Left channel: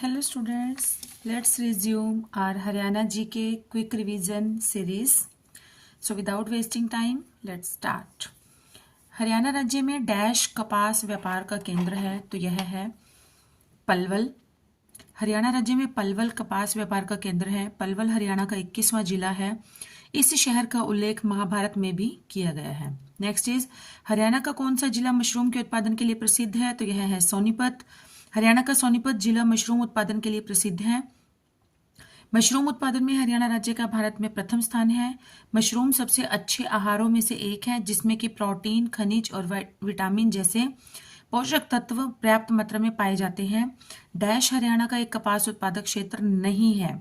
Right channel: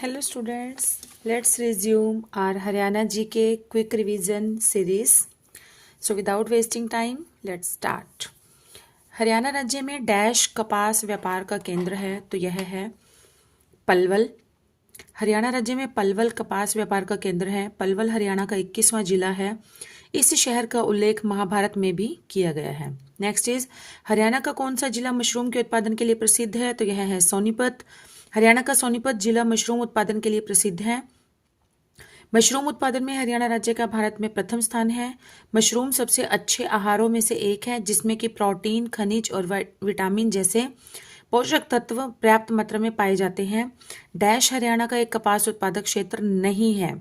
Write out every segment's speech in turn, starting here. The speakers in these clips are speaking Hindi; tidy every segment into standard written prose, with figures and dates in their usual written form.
Hello students, let's resume our Haryana GK quick revision series. So without wasting time, let's start. Haryana राज्य में डैश कपास व्यापार का केंद्र है तो यह है पलवल। हरियाणा राज्य में पलवल कपास व्यापार का केंद्र है। पलवल हरियाणा का 21वां जिला है। इस शहर का उल्लेख महाभारत में भी किया गया है। नेक्स्ट इज हरियाणा का कौन सा जिला मशरूम के उत्पादन के लिए प्रसिद्ध है तो यह है सोनीपत। हरियाणा का सोनीपत जिला मशरूम उत्पादन के लिए प्रसिद्ध है। मशरूम उत्पादन में हरियाणा राज्य का भारत में प्रथम स्थान है। मशरूम सबसे अच्छे आहारों में से एक है जिसमें कि प्रोटीन, खनिज और विटामिन जैसे पोषक तत्व पर्याप्त मात्रा में पाए जाते हैं। डैश हरियाणा का एक कपास उत्पादक क्षेत्र नहीं है।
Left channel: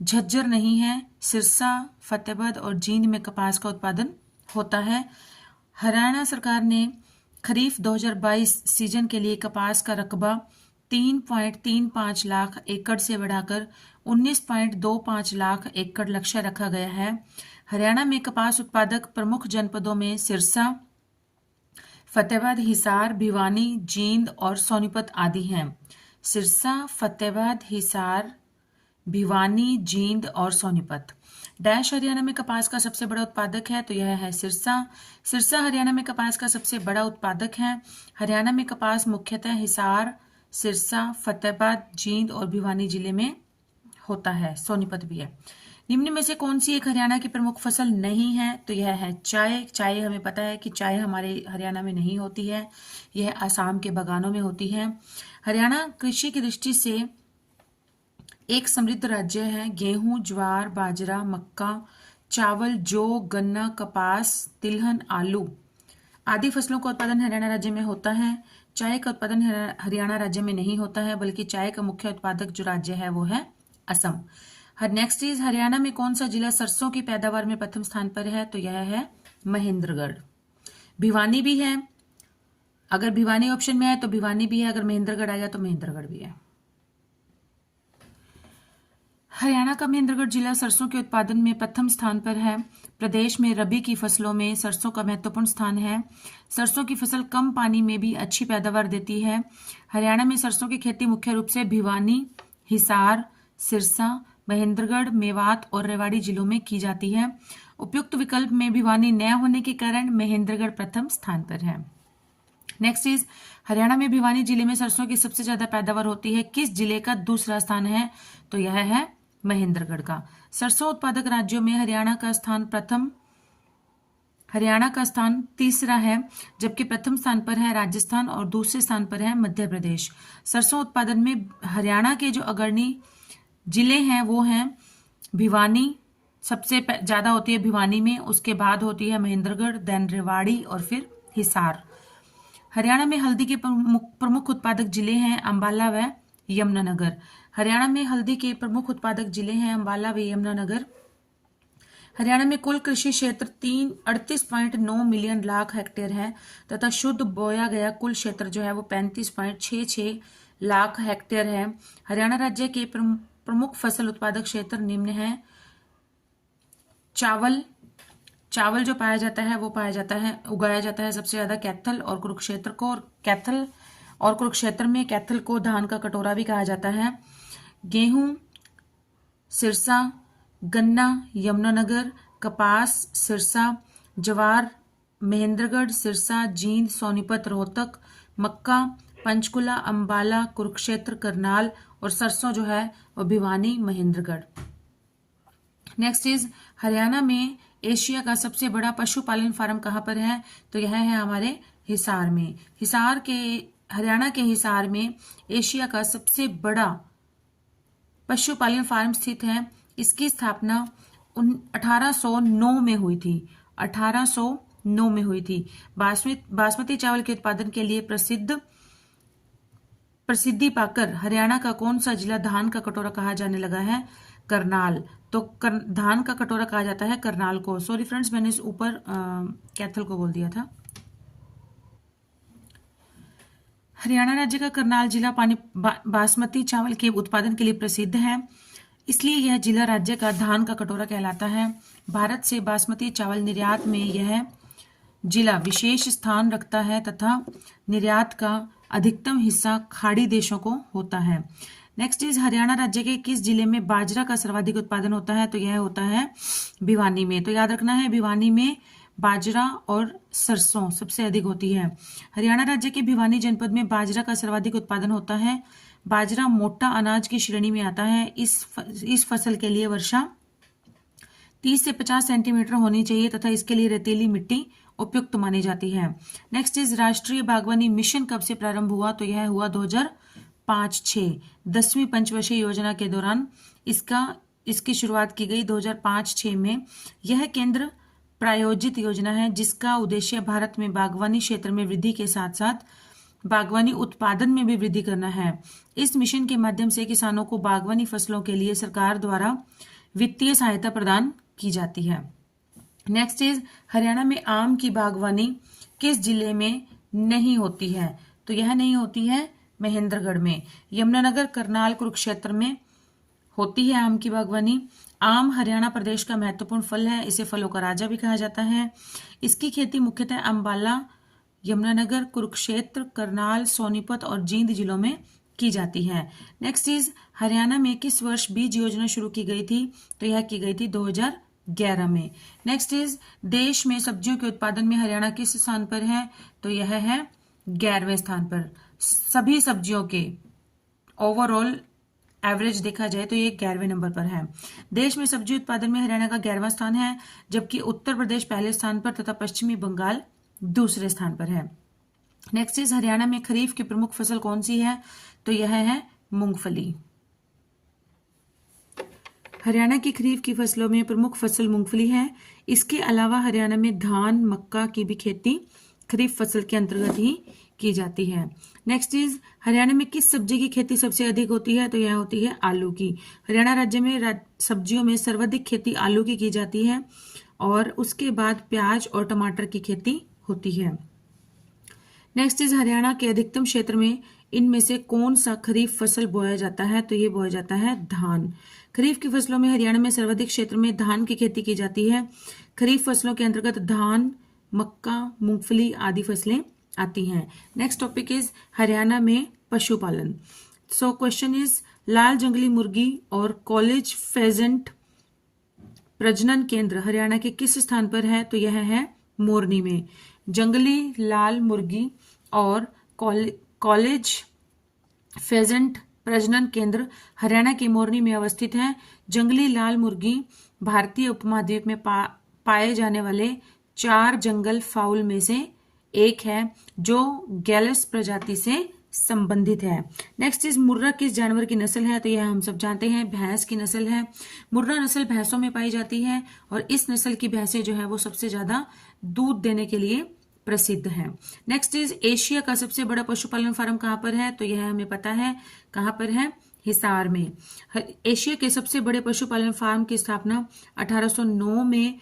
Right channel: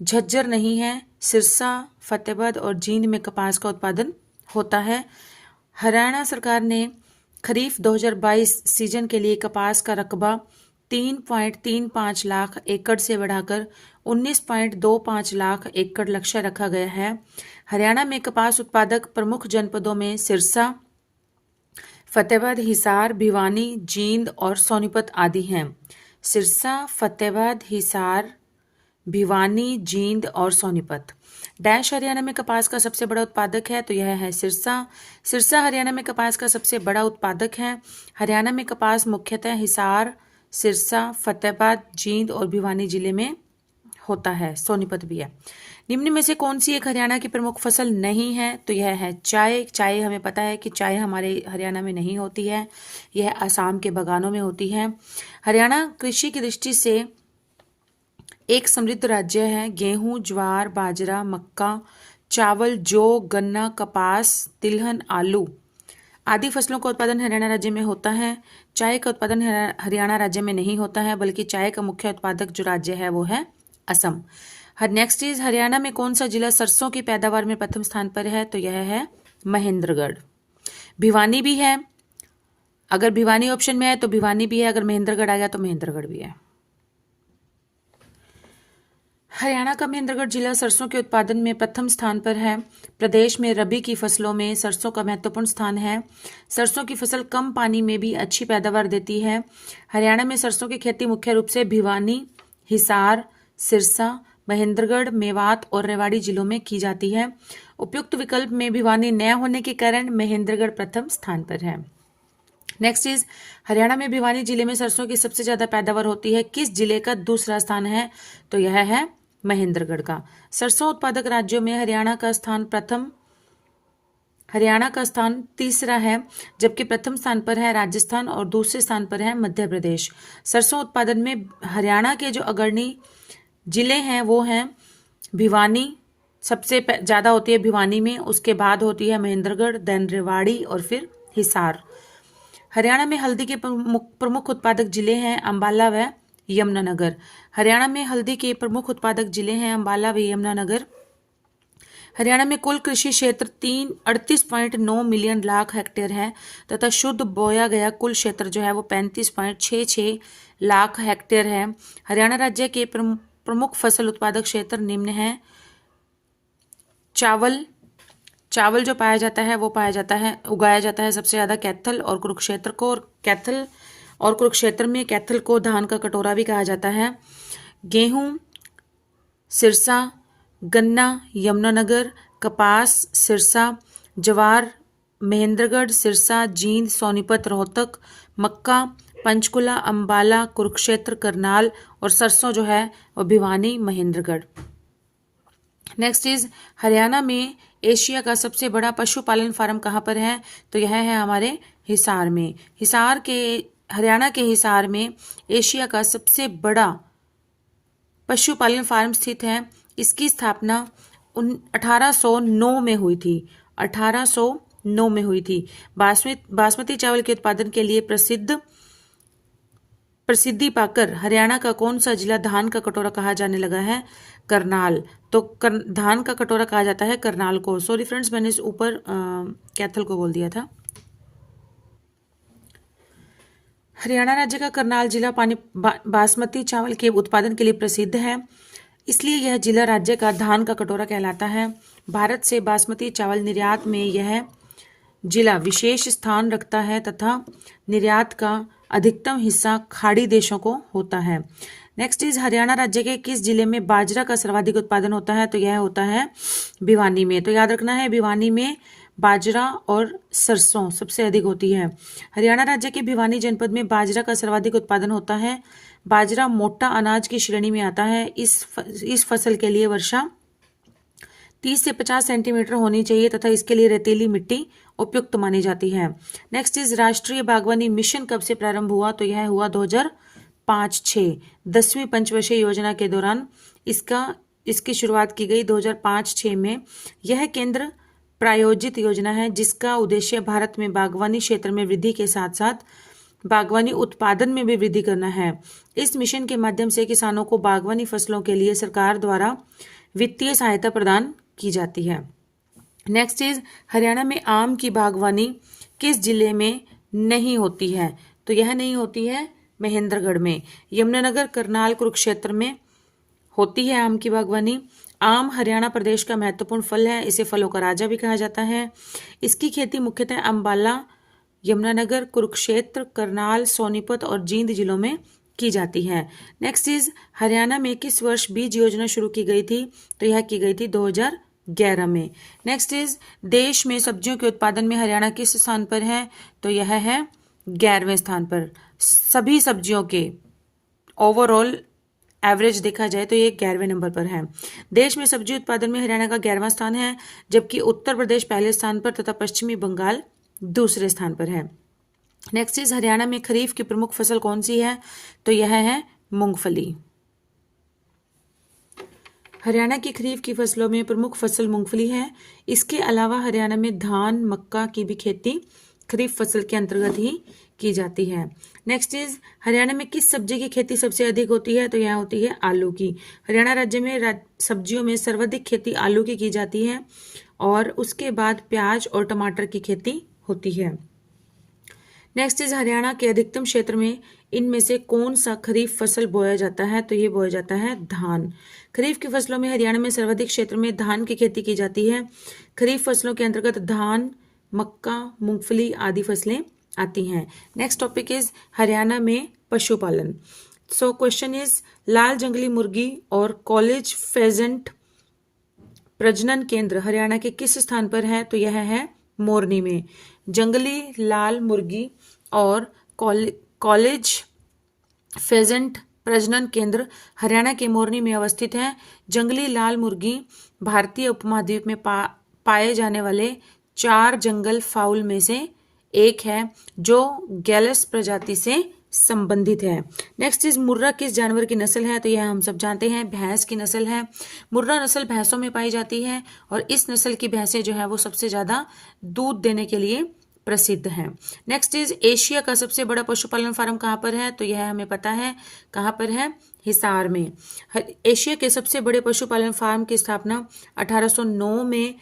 झज्जर नहीं है। सिरसा, फतेहाबाद और जींद में कपास का उत्पादन होता है। हरियाणा सरकार ने खरीफ 2022 सीजन के लिए कपास का रकबा 3.35 लाख एकड़ से बढ़ाकर 19.25 लाख एकड़ लक्ष्य रखा गया है। हरियाणा में कपास उत्पादक प्रमुख जनपदों में सिरसा, फतेहाबाद, हिसार, भिवानी, जींद और सोनीपत आदि हैं। सिरसा, फतेहाबाद, हिसार, भिवानी, जींद और सोनीपत। डैश हरियाणा में कपास का सबसे बड़ा उत्पादक है तो यह है सिरसा। सिरसा हरियाणा में कपास का सबसे बड़ा उत्पादक है। हरियाणा में कपास मुख्यतः हिसार, सिरसा, फतेहाबाद, जींद और भिवानी जिले में होता है। सोनीपत भी है। निम्न में से कौन सी एक हरियाणा की प्रमुख फसल नहीं है तो यह है चाय। चाय हमें पता है कि चाय हमारे हरियाणा में नहीं होती है, यह असम के बागानों में होती है। हरियाणा कृषि की दृष्टि से एक समृद्ध राज्य है। गेहूं, ज्वार, बाजरा, मक्का, चावल, जौ, गन्ना, कपास, तिलहन, आलू आदि फसलों का उत्पादन हरियाणा राज्य में होता है। चाय का उत्पादन हरियाणा राज्य में नहीं होता है, बल्कि चाय का मुख्य उत्पादक जो राज्य है वो है असम। नेक्स्ट इज हरियाणा में कौन सा जिला सरसों की पैदावार में प्रथम स्थान पर है तो यह है महेंद्रगढ़। भिवानी भी है। अगर भिवानी ऑप्शन में है तो भिवानी भी है, अगर महेंद्रगढ़ आ गया तो महेंद्रगढ़ भी है। हरियाणा का महेंद्रगढ़ जिला सरसों के उत्पादन में प्रथम स्थान पर है। प्रदेश में रबी की फसलों में सरसों का महत्वपूर्ण स्थान है। सरसों की फसल कम पानी में भी अच्छी पैदावार देती है। हरियाणा में सरसों की खेती मुख्य रूप से भिवानी, हिसार, सिरसा, महेंद्रगढ़, मेवात और रेवाड़ी जिलों में की जाती है। उपयुक्त विकल्प में भिवानी न होने के कारण महेंद्रगढ़ प्रथम स्थान पर है। नेक्स्ट इज हरियाणा में भिवानी जिले में सरसों की सबसे ज्यादा पैदावार होती है। किस जिले का दूसरा स्थान है तो यह है महेंद्रगढ़ का। सरसों उत्पादक राज्यों में हरियाणा का स्थान तीसरा है, जबकि प्रथम स्थान पर है राजस्थान और दूसरे स्थान पर है मध्य प्रदेश। सरसों उत्पादन में हरियाणा के जो अग्रणी जिले हैं वो हैं भिवानी, सबसे ज्यादा होती है भिवानी में, उसके बाद होती है महेंद्रगढ़, देन रेवाड़ी और फिर हिसार। हरियाणा में हल्दी के प्रमुख उत्पादक जिले हैं अंबाला व यमुनानगर। हरियाणा में हल्दी के प्रमुख उत्पादक जिले हैं अंबाला व यमुनानगर। हरियाणा में कुल कृषि क्षेत्र 38.9 मिलियन लाख हेक्टेयर है तथा शुद्ध बोया गया कुल क्षेत्र जो है वो 35.66 लाख हेक्टेयर है। हरियाणा राज्य के प्रमुख फसल उत्पादक क्षेत्र निम्न हैं। चावल जो पाया जाता है वो उगाया जाता है सबसे ज्यादा कैथल और कुरुक्षेत्र को, और कैथल और कुरुक्षेत्र में कैथल को धान का कटोरा भी कहा जाता है। गेहूं सिरसा, गन्ना यमुनानगर, कपास सिरसा, ज्वार महेंद्रगढ़, सिरसा, जींद, सोनीपत, रोहतक, मक्का पंचकुला, अंबाला, कुरुक्षेत्र, करनाल और सरसों जो है वो भिवानी, महेंद्रगढ़। नेक्स्ट इज हरियाणा में एशिया का सबसे बड़ा पशुपालन फार्म कहाँ पर है तो यह है हमारे हिसार में। हरियाणा के हिसार में एशिया का सबसे बड़ा पशुपालन फार्म स्थित है। इसकी स्थापना 1809 में हुई थी। 1809 में हुई थी। बासमती चावल के उत्पादन के लिए प्रसिद्धि पाकर हरियाणा का कौन सा जिला धान का कटोरा कहा जाने लगा है? करनाल। तो धान का कटोरा कहा जाता है करनाल को। सॉरी फ्रेंड्स, मैंने इस ऊपर कैथल को बोल दिया था। हरियाणा राज्य का करनाल जिला बासमती चावल के उत्पादन के लिए प्रसिद्ध है, इसलिए यह जिला राज्य का धान का कटोरा कहलाता है। भारत से बासमती चावल निर्यात में यह जिला विशेष स्थान रखता है तथा निर्यात का अधिकतम हिस्सा खाड़ी देशों को होता है। नेक्स्ट इज हरियाणा राज्य के किस जिले में बाजरा का सर्वाधिक उत्पादन होता है? तो यह होता है भिवानी में। तो याद रखना है, भिवानी में बाजरा और सरसों सबसे अधिक होती है। हरियाणा राज्य के भिवानी जनपद में बाजरा का सर्वाधिक उत्पादन होता है। बाजरा मोटा अनाज की श्रेणी में आता है। इस फसल के लिए वर्षा 30 से 50 सेंटीमीटर होनी चाहिए तथा इसके लिए रेतीली मिट्टी उपयुक्त मानी जाती है। नेक्स्ट इज राष्ट्रीय बागवानी मिशन कब से प्रारंभ हुआ? तो यह हुआ 2005-6 10वीं पंचवर्षीय योजना के दौरान इसकी शुरुआत की गई 2005-6 में। यह केंद्र प्रायोजित योजना है जिसका उद्देश्य भारत में बागवानी क्षेत्र में वृद्धि के साथ साथ बागवानी उत्पादन में भी वृद्धि करना है। इस मिशन के माध्यम से किसानों को बागवानी फसलों के लिए सरकार द्वारा वित्तीय सहायता प्रदान की जाती है। नेक्स्ट इज हरियाणा में आम की बागवानी किस जिले में नहीं होती है? तो यह नहीं होती है महेंद्रगढ़ में। यमुनानगर, करनाल, कुरुक्षेत्र में होती है आम की बागवानी। आम हरियाणा प्रदेश का महत्वपूर्ण फल है। इसे फलों का राजा भी कहा जाता है। इसकी खेती मुख्यतः अंबाला, यमुनानगर, कुरुक्षेत्र, करनाल, सोनीपत और जींद जिलों में की जाती है। नेक्स्ट इज हरियाणा में किस वर्ष बीज योजना शुरू की गई थी? तो यह की गई थी 2011 में। नेक्स्ट इज देश में सब्जियों के उत्पादन में हरियाणा किस स्थान पर है? तो यह है 11वें स्थान पर। सभी सब्जियों के ओवरऑल एवरेज देखा जाए तो ये 11वें नंबर पर है। देश में सब्जी उत्पादन में हरियाणा का 11वां स्थान है, जबकि उत्तर प्रदेश पहले स्थान पर तथा पश्चिमी बंगाल दूसरे स्थान पर है। नेक्स्ट इज हरियाणा में खरीफ की प्रमुख फसल कौन सी है? तो यह है मूंगफली। हरियाणा की खरीफ की फसलों में प्रमुख फसल मूंगफली है। इसके अलावा हरियाणा में धान, मक्का की भी खेती खरीफ फसल के अंतर्गत ही की जाती है। नेक्स्ट इज हरियाणा में किस सब्जी की खेती सबसे अधिक होती है? तो यह होती है आलू की। हरियाणा राज्य में सब्जियों में सर्वाधिक खेती आलू की जाती है और उसके बाद प्याज और टमाटर की खेती होती है। नेक्स्ट इज हरियाणा के अधिकतम क्षेत्र में इनमें से कौन सा खरीफ फसल बोया जाता है? तो ये बोया जाता है धान। खरीफ की फसलों में हरियाणा में सर्वाधिक क्षेत्र में धान की खेती की जाती है। खरीफ फसलों के अंतर्गत धान, मक्का, मूंगफली आदि फसलें आती हैं। नेक्स्ट टॉपिक इज हरियाणा में पशुपालन। सो क्वेश्चन इज लाल जंगली मुर्गी और कॉलेज फेजेंट प्रजनन केंद्र हरियाणा के किस स्थान पर है? तो यह है मोरनी में। जंगली लाल मुर्गी और कॉलेज फेजेंट प्रजनन केंद्र हरियाणा के मोरनी में अवस्थित है। जंगली लाल मुर्गी भारतीय उपमहाद्वीप में पाए जाने वाले 4 जंगल फाउल में से एक है जो गैलस प्रजाति से संबंधित है। नेक्स्ट इज मुर्रा किस जानवर की नस्ल है? तो यह हम सब जानते हैं भैंस की नस्ल है। मुर्रा नस्ल भैंसों में पाई जाती है और इस नस्ल की भैंसें जो है वो सबसे ज्यादा दूध देने के लिए प्रसिद्ध है। नेक्स्ट इज एशिया का सबसे बड़ा पशुपालन फार्म कहाँ पर है? तो यह हमें पता है कहाँ पर है, हिसार में। एशिया के सबसे बड़े पशुपालन फार्म की स्थापना 1809 में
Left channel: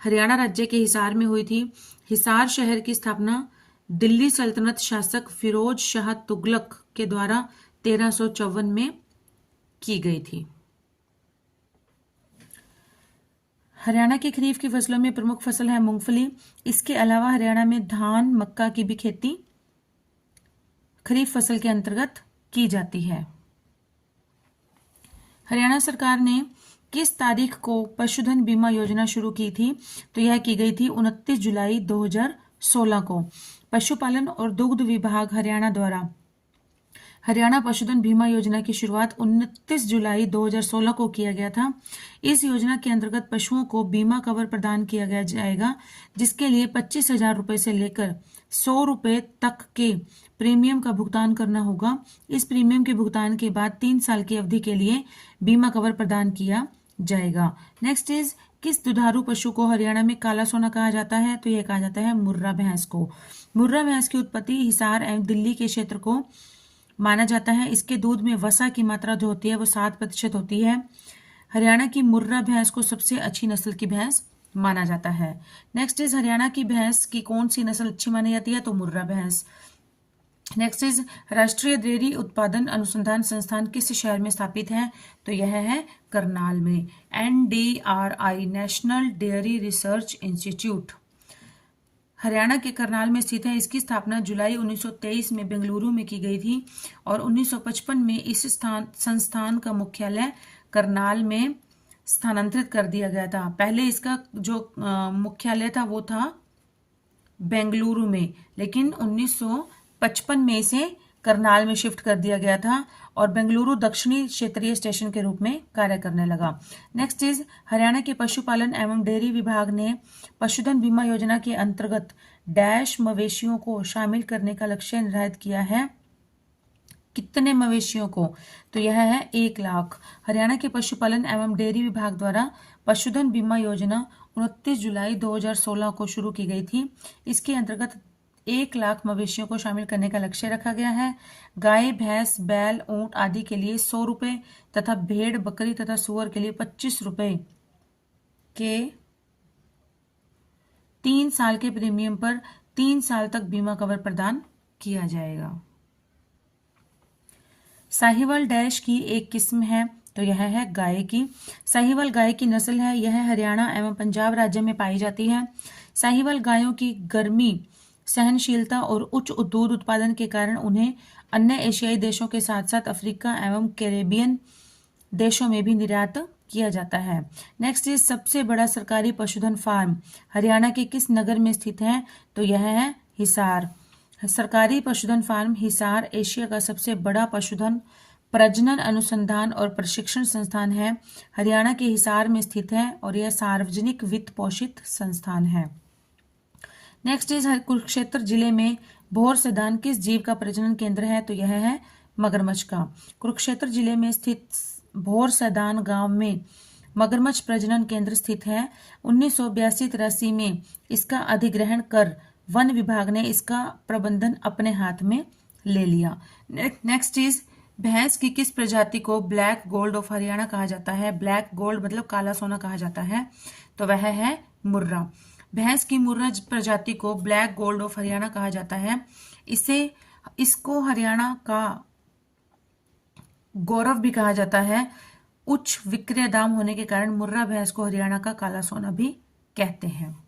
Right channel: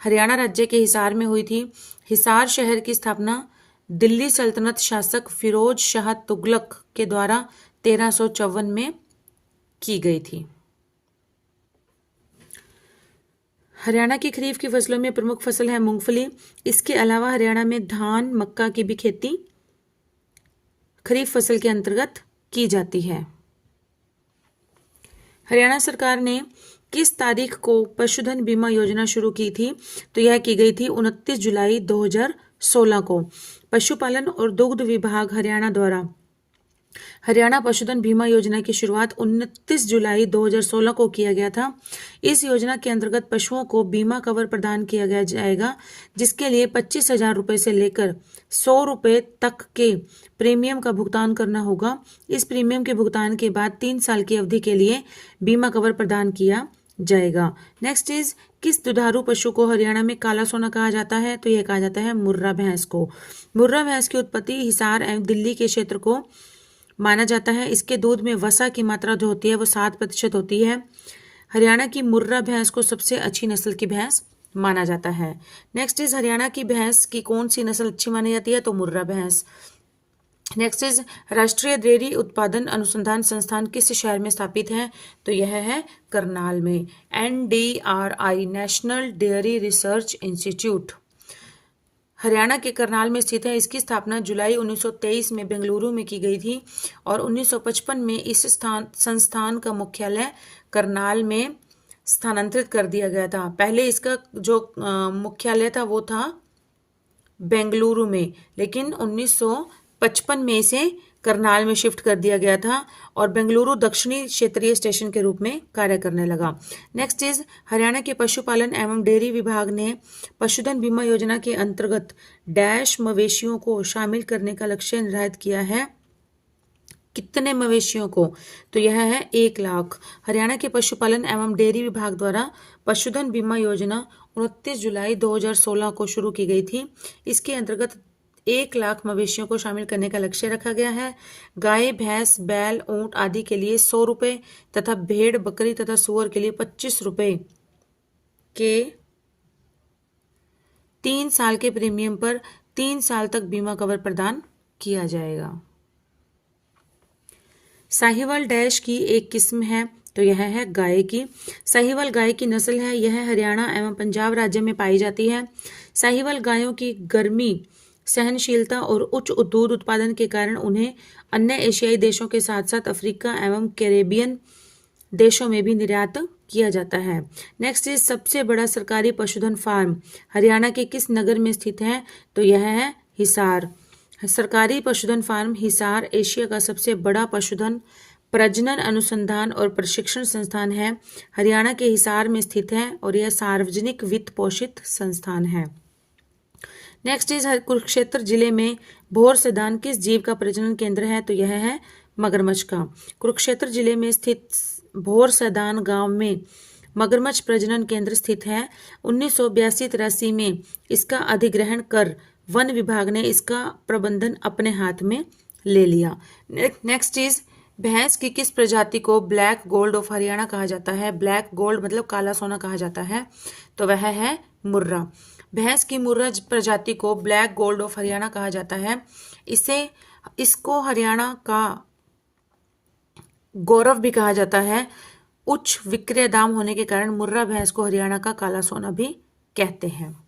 हरियाणा राज्य के हिसार में हुई थी। हिसार शहर की स्थापना दिल्ली सल्तनत शासक फिरोज शाह तुगलक के द्वारा 1354 में की गई थी। हरियाणा की खरीफ की फसलों में प्रमुख फसल है मूंगफली। इसके अलावा हरियाणा में धान, मक्का की भी खेती खरीफ फसल के अंतर्गत की जाती है। हरियाणा सरकार ने किस तारीख को पशुधन बीमा योजना शुरू की थी? तो यह की गई थी 29 जुलाई 2016 को। पशुपालन और दुग्ध विभाग हरियाणा द्वारा हरियाणा पशुधन बीमा योजना की शुरुआत 29 जुलाई 2016 को किया गया था। इस योजना के अंतर्गत पशुओं को बीमा कवर प्रदान किया गया जाएगा, जिसके लिए 25,000 रुपये से लेकर 100 रुपये तक के प्रीमियम का भुगतान करना होगा। इस प्रीमियम के भुगतान के बाद 3 साल की अवधि के लिए बीमा कवर प्रदान किया जाएगा। नेक्स्ट इज किस दुधारू पशु को हरियाणा में काला सोना कहा जाता है? तो यह कहा जाता है मुर्रा भैंस को। मुर्रा भैंस की उत्पत्ति हिसार एवं दिल्ली के क्षेत्र को माना जाता है। इसके दूध में वसा की मात्रा जो होती है वो 7% होती है। हरियाणा की मुर्रा भैंस को सबसे अच्छी नस्ल की भैंस माना जाता है। नेक्स्ट इज हरियाणा की भैंस की कौन सी नस्ल अच्छी मानी जाती है? तो मुर्रा भैंस। नेक्स्ट इज राष्ट्रीय डेयरी उत्पादन अनुसंधान संस्थान किस शहर में स्थापित है? तो यह है करनाल में। NDRI national dairy research institute Haryana के करनाल में स्थित है। इसकी स्थापना जुलाई 1923 में बेंगलुरु में की गई थी और 1955 में इस संस्थान का मुख्यालय करनाल में स्थानांतरित कर दिया गया था। पहले इसका जो मुख्यालय था वो था बेंगलुरु में, लेकिन 1955 में इसे करनाल में शिफ्ट कर दिया गया था और बेंगलुरु दक्षिणी क्षेत्रीय स्टेशन के रूप में कार्य करने लगा। नेक्स्ट इज हरियाणा के पशुपालन एवं डेयरी विभाग ने पशुधन बीमा योजना के अंतर्गत डैश मवेशियों को शामिल करने का लक्ष्य निर्धारित किया है। कितने मवेशियों को? तो यह है 1 लाख। हरियाणा के पशुपालन एवं डेयरी विभाग द्वारा पशुधन बीमा योजना 29 जुलाई 2016 को शुरू की गई थी। इसके अंतर्गत 1 लाख मवेशियों को शामिल करने का लक्ष्य रखा गया है। गाय, भैंस, बैल, ऊंट आदि के लिए 100 रुपये तथा भेड़, बकरी तथा सुअर के लिए 25 रुपये के 3 साल के प्रीमियम पर 3 साल तक बीमा कवर प्रदान किया जाएगा। साहिवाल डैश की एक किस्म है, तो यह है गाय की। साहिवाल गाय की नस्ल है, यह हरियाणा एवं पंजाब राज्य में पाई जाती है। साहिवाल गायों की गर्मी सहनशीलता और उच्च दूध उत्पादन के कारण उन्हें अन्य एशियाई देशों के साथ साथ अफ्रीका एवं कैरेबियन देशों में भी निर्यात किया जाता है। नेक्स्ट इज सबसे बड़ा सरकारी पशुधन फार्म हरियाणा के किस नगर में स्थित है? तो यह है हिसार। सरकारी पशुधन फार्म हिसार एशिया का सबसे बड़ा पशुधन प्रजनन अनुसंधान और प्रशिक्षण संस्थान है। हरियाणा के हिसार में स्थित है और यह सार्वजनिक वित्त पोषित संस्थान है। नेक्स्ट इज कुरुक्षेत्र जिले में भोर सैदान किस जीव का प्रजनन केंद्र है? तो यह है मगरमच्छ का। कुरुक्षेत्र जिले में स्थित भोर सैदान गांव में मगरमच्छ प्रजनन केंद्र स्थित है। 1982-83 में इसका अधिग्रहण कर वन विभाग ने इसका प्रबंधन अपने हाथ में ले लिया। नेक्स्ट इज भैंस की किस प्रजाति को ब्लैक गोल्ड ऑफ हरियाणा कहा जाता है? ब्लैक गोल्ड मतलब काला सोना कहा जाता है, तो वह है मुर्रा। भैंस की मुर्रा प्रजाति को ब्लैक गोल्ड ऑफ हरियाणा कहा जाता है। इसको हरियाणा का गौरव भी कहा जाता है। उच्च विक्रय दाम होने के कारण मुर्रा भैंस को हरियाणा का काला सोना भी कहते हैं।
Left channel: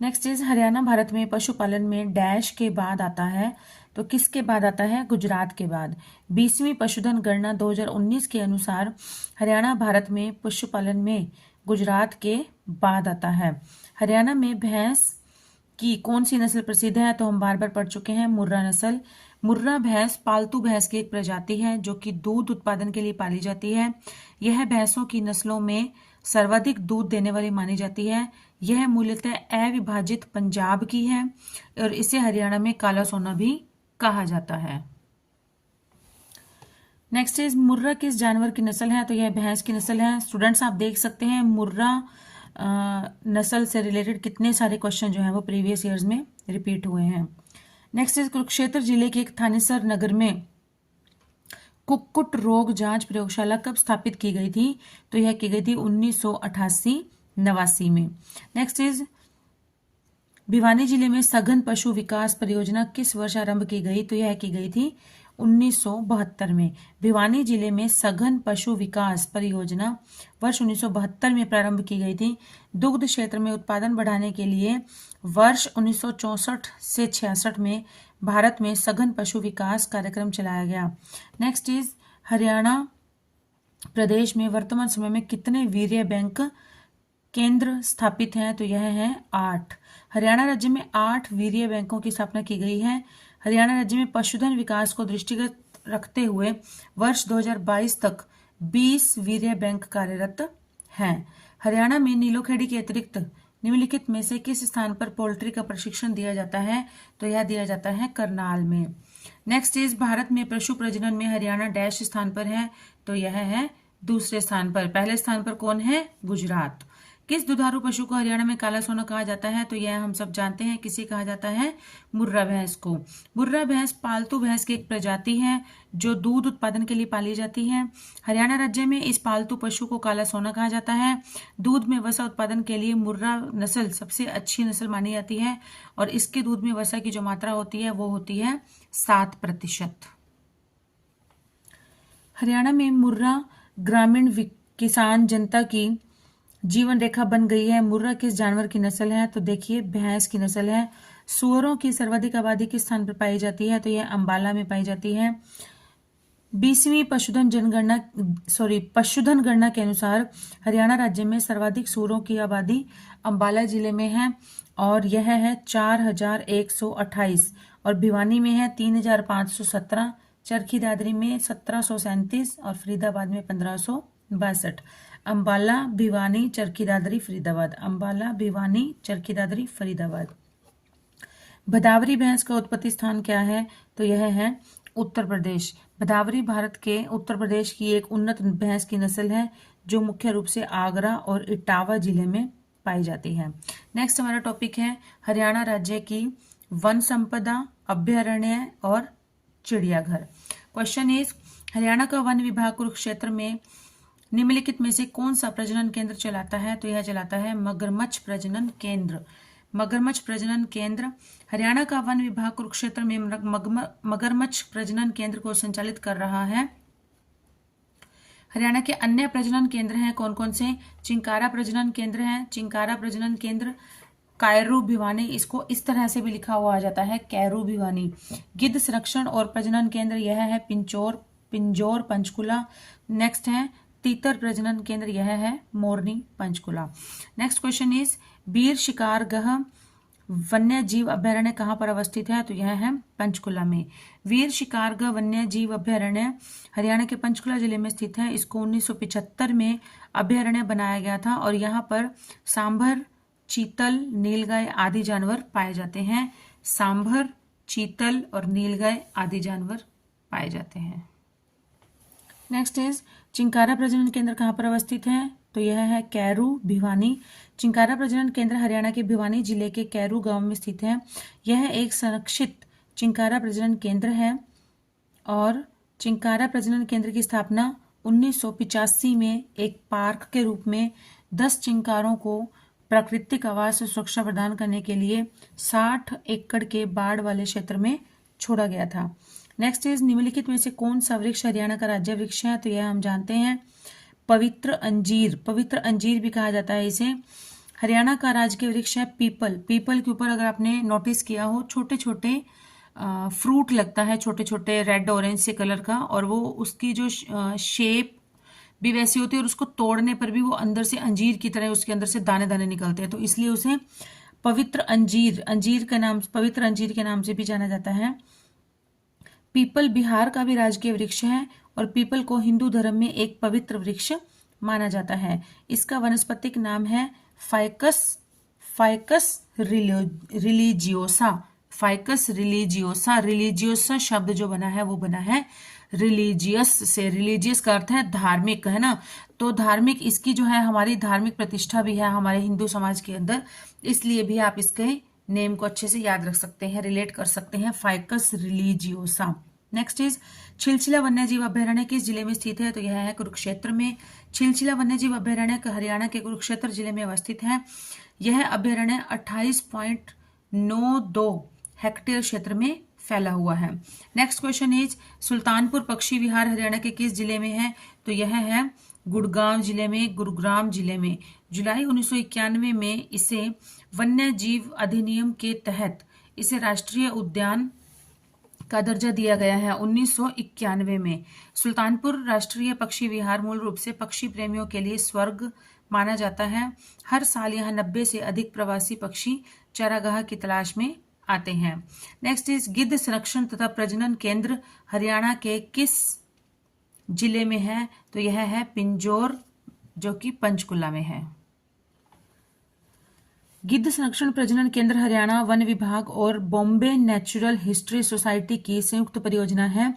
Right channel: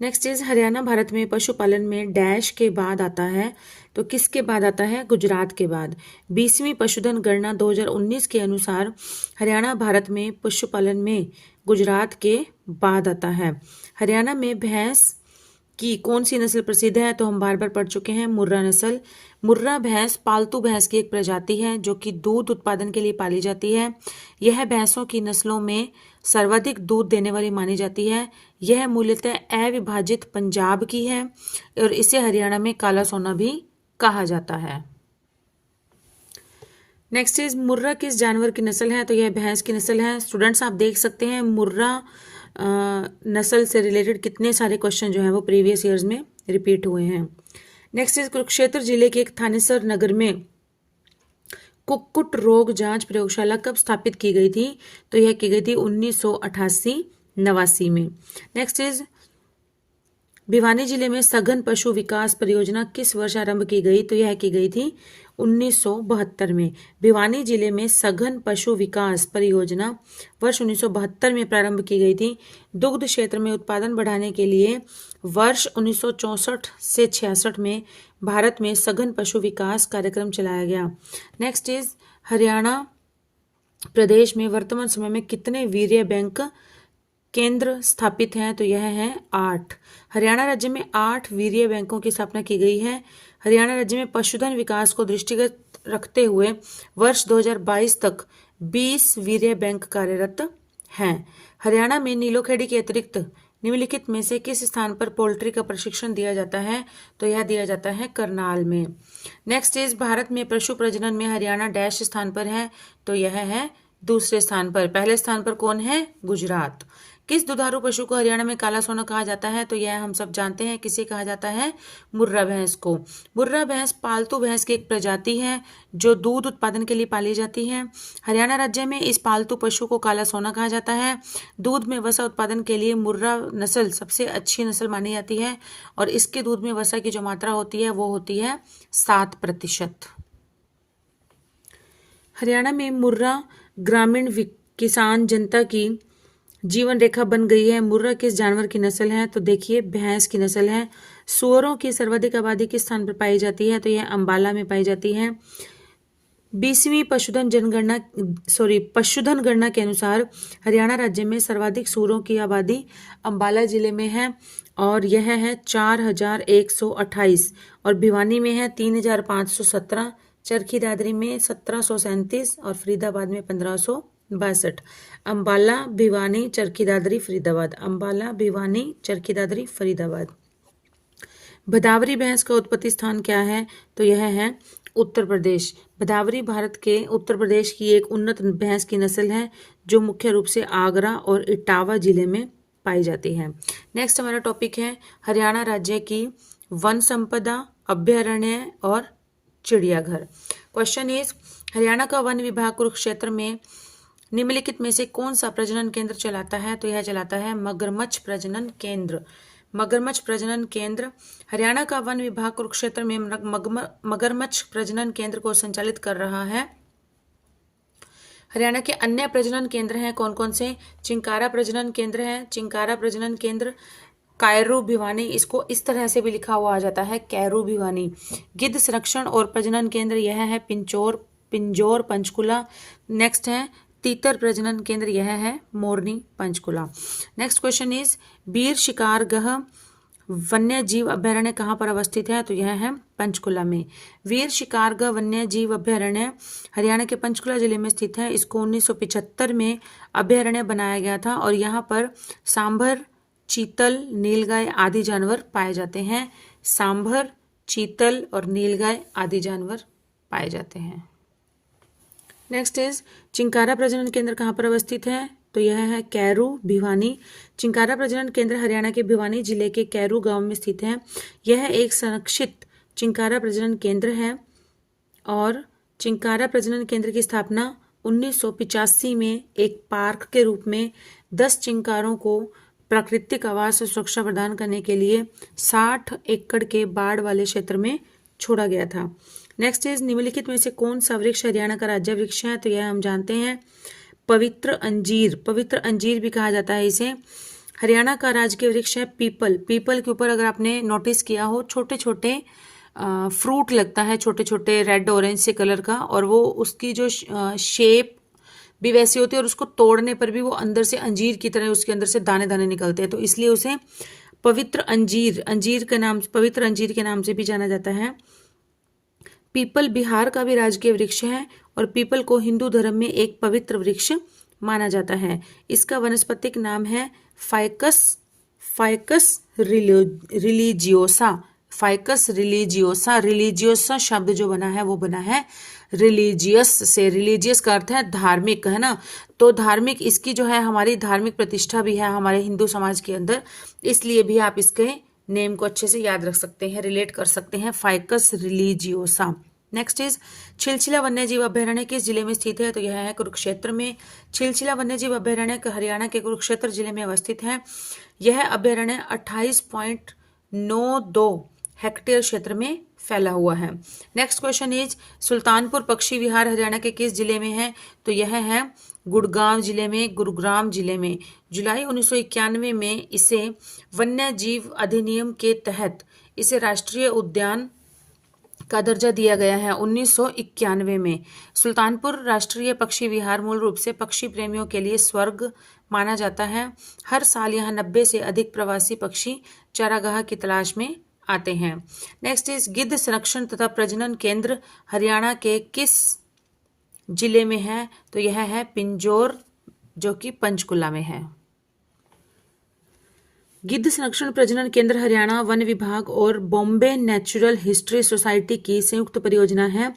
नेक्स्ट इज हरियाणा भारत में पशुपालन में डैश के बाद आता है, तो किसके बाद आता है? गुजरात के बाद। 20वीं पशुधन गणना 2019 के अनुसार हरियाणा भारत में पशुपालन में गुजरात के बाद आता है। हरियाणा में भैंस की कौन सी नस्ल प्रसिद्ध है? तो हम बार बार पढ़ चुके हैं, मुर्रा नस्ल। मुर्रा भैंस पालतू भैंस की एक प्रजाति है जो कि दूध उत्पादन के लिए पाली जाती है। यह भैंसों की नस्लों में सर्वाधिक दूध देने वाली मानी जाती है। यह मूलतः अविभाजित पंजाब की है और इसे हरियाणा में काला सोना भी कहा जाता है। नेक्स्ट इज मुर्रा किस जानवर की नस्ल है? तो यह भैंस की नस्ल है। स्टूडेंट्स आप देख सकते हैं मुर्रा नस्ल से रिलेटेड कितने सारे क्वेश्चन जो हैं वो प्रीवियस ईयर्स में रिपीट हुए हैं। नेक्स्ट इज कुरुक्षेत्र जिले के एक थानेसर नगर में कुक्कुट रोग जांच प्रयोगशाला कब स्थापित की गई थी? तो यह की गई थी 1988-89 में। नेक्स्ट इज भिवानी जिले में सघन पशु विकास परियोजना किस वर्ष आरंभ की गई? तो यह की गई थी 1972 में। भिवानी जिले में सघन पशु विकास परियोजना वर्ष 1972 में प्रारंभ की गई थी। दुग्ध क्षेत्र में उत्पादन बढ़ाने के लिए वर्ष 1964 से 66 में भारत में सघन पशु विकास कार्यक्रम चलाया गया। नेक्स्ट इज हरियाणा प्रदेश में वर्तमान समय में कितने वीर्य बैंक केंद्र स्थापित हैं? तो यह है 8। हरियाणा राज्य में 8 वीर्य बैंकों की स्थापना की गई है। हरियाणा राज्य में पशुधन विकास को दृष्टिगत रखते हुए वर्ष 2022 तक 20 वीर्य बैंक कार्यरत हैं। हरियाणा में नीलोखेड़ी के अतिरिक्त निम्नलिखित में से किस स्थान पर पोल्ट्री का प्रशिक्षण दिया जाता है? तो यह दिया जाता है करनाल में। नेक्स्ट इज भारत में पशु प्रजनन में हरियाणा डैश स्थान पर है? तो यह है दूसरे स्थान पर। पहले स्थान पर कौन है? गुजरात। किस दुधारू पशु को हरियाणा में काला सोना कहा जाता है? तो यह हम सब जानते हैं, किसे कहा जाता है? मुर्रा भैंस को। मुर्रा भैंस पालतू भैंस की एक प्रजाति है जो दूध उत्पादन के लिए पाली जाती है। हरियाणा राज्य में इस पालतू पशु को काला सोना कहा जाता है। दूध में वसा उत्पादन के लिए मुर्रा नस्ल सबसे अच्छी नस्ल मानी जाती है और इसके दूध में वसा की जो मात्रा होती है वो होती है 7%। हरियाणा में मुर्रा ग्रामीण किसान जनता की जीवन रेखा बन गई है। मुर्रा किस जानवर की नस्ल है? तो देखिए भैंस की नस्ल है। सुअरों की सर्वाधिक आबादी किस स्थान पर पाई जाती है? तो यह अंबाला में पाई जाती है। 20वीं पशुधन गणना के अनुसार हरियाणा राज्य में सर्वाधिक सूअरों की आबादी अंबाला जिले में है और यह है 4128 और भिवानी में है 3517, चरखी दादरी में 1737 और फरीदाबाद में 1562। अंबाला, भिवानी, चरखी दादरी, फरीदाबाद। अंबाला, भिवानी, चरखी दादरी, फरीदाबाद। भदावरी भैंस का उत्पत्ति स्थान क्या है? तो यह है उत्तर प्रदेश। भदावरी भारत के उत्तर प्रदेश की एक उन्नत भैंस की नस्ल है जो मुख्य रूप से आगरा और इटावा जिले में पाई जाती है। नेक्स्ट हमारा टॉपिक है हरियाणा राज्य की वन संपदा, अभ्यारण्य और चिड़ियाघर। क्वेश्चन इज हरियाणा का वन विभाग कुरुक्षेत्र में निम्नलिखित में से कौन सा प्रजनन केंद्र चलाता है? तो यह चलाता है मगरमच्छ प्रजनन केंद्र। मगरमच्छ प्रजनन केंद्र। हरियाणा का वन विभाग कुरुक्षेत्र में मगरमच्छ प्रजनन केंद्र को संचालित कर रहा है। हरियाणा के अन्य प्रजनन केंद्र हैं कौन कौन से? चिंकारा प्रजनन केंद्र है। चिंकारा प्रजनन केंद्र, कायरू भिवानी, इसको इस तरह से भी लिखा हुआ आ जाता है कैरू भिवानी। गिद्ध संरक्षण और प्रजनन केंद्र यह है पिंजौर पंचकुला। नेक्स्ट है तीतर प्रजनन केंद्र, यह है मोरनी पंचकुला। नेक्स्ट क्वेश्चन इज बीर शिकारगह वन्य जीव अभ्यारण्य कहाँ पर अवस्थित है? तो यह है पंचकुला में। वीर शिकारगह वन्य जीव अभ्यारण्य हरियाणा के पंचकुला जिले में स्थित है। इसको 1975 में अभ्यारण्य बनाया गया था और यहाँ पर सांभर, चीतल, नीलगाय आदि जानवर पाए जाते हैं। सांभर, चीतल और नीलगाय आदि जानवर पाए जाते हैं। नेक्स्ट इज चिंकारा प्रजनन केंद्र कहाँ पर अवस्थित है? तो यह है कैरू भिवानी। चिंकारा प्रजनन केंद्र हरियाणा के भिवानी जिले के कैरू गांव में स्थित है। यह एक संरक्षित चिंकारा प्रजनन केंद्र है और चिंकारा प्रजनन केंद्र की स्थापना 1985 में एक पार्क के रूप में 10 चिंकारों को प्राकृतिक आवास और सुरक्षा प्रदान करने के लिए 60 एकड़ के बाढ़ वाले क्षेत्र में छोड़ा गया था। नेक्स्ट इज निम्नलिखित में से कौन सा वृक्ष हरियाणा का राज्य वृक्ष है? तो यह हम जानते हैं पवित्र अंजीर। पवित्र अंजीर भी कहा जाता है इसे। हरियाणा का राजकीय वृक्ष है पीपल। पीपल के ऊपर अगर आपने नोटिस किया हो छोटे छोटे फ्रूट लगता है, छोटे छोटे रेड ऑरेंज से कलर का, और वो उसकी जो शेप भी वैसी होती है और उसको तोड़ने पर भी वो अंदर से अंजीर की तरह उसके अंदर से दाने दाने निकलते हैं, तो इसलिए उसे पवित्र अंजीर के नाम, पवित्र अंजीर के नाम से भी जाना जाता है। पीपल बिहार का भी राजकीय वृक्ष है और पीपल को हिंदू धर्म में एक पवित्र वृक्ष माना जाता है। इसका वानस्पतिक नाम है ficus religiosa. Ficus religiosa. Religiosa शब्द जो बना है वो बना है रिलीजियस से। रिलीजियस का अर्थ है धार्मिक, है ना। तो धार्मिक, इसकी जो है हमारी धार्मिक प्रतिष्ठा भी है हमारे हिंदू समाज के अंदर, इसलिए भी आप इसके नेम को अच्छे से याद रख सकते हैं, रिलेट कर सकते हैं, फाइकस रिलीजियोसा। नेक्स्ट इज छिलछिला वन्यजीव अभ्यारण्य किस जिले में स्थित है? तो यह है कुरुक्षेत्र में। छिलछिला वन्यजीव अभ्यारण्य हरियाणा के कुरुक्षेत्र जिले में अवस्थित है। यह अभ्यारण्य 28.92 हेक्टेयर क्षेत्र में फैला हुआ है। नेक्स्ट क्वेश्चन इज सुल्तानपुर पक्षी विहार हरियाणा के किस जिले में है? तो यह है गुड़गांव जिले में, गुरुग्राम जिले में। जुलाई 1991 में इसे वन्य जीव अधिनियम के तहत इसे राष्ट्रीय उद्यान का दर्जा दिया गया है 1991 में। सुल्तानपुर राष्ट्रीय पक्षी विहार मूल रूप से पक्षी प्रेमियों के लिए स्वर्ग माना जाता है। हर साल यहाँ 90 से अधिक प्रवासी पक्षी चारागाह की तलाश में आते हैं। नेक्स्ट इज गिद्ध संरक्षण तथा प्रजनन केंद्र हरियाणा के किस जिले में है? तो यह है पिंजौर, जो कि पंचकुला में है। गिद्ध संरक्षण प्रजनन केंद्र हरियाणा वन विभाग और बॉम्बे नेचुरल हिस्ट्री सोसाइटी की संयुक्त परियोजना है।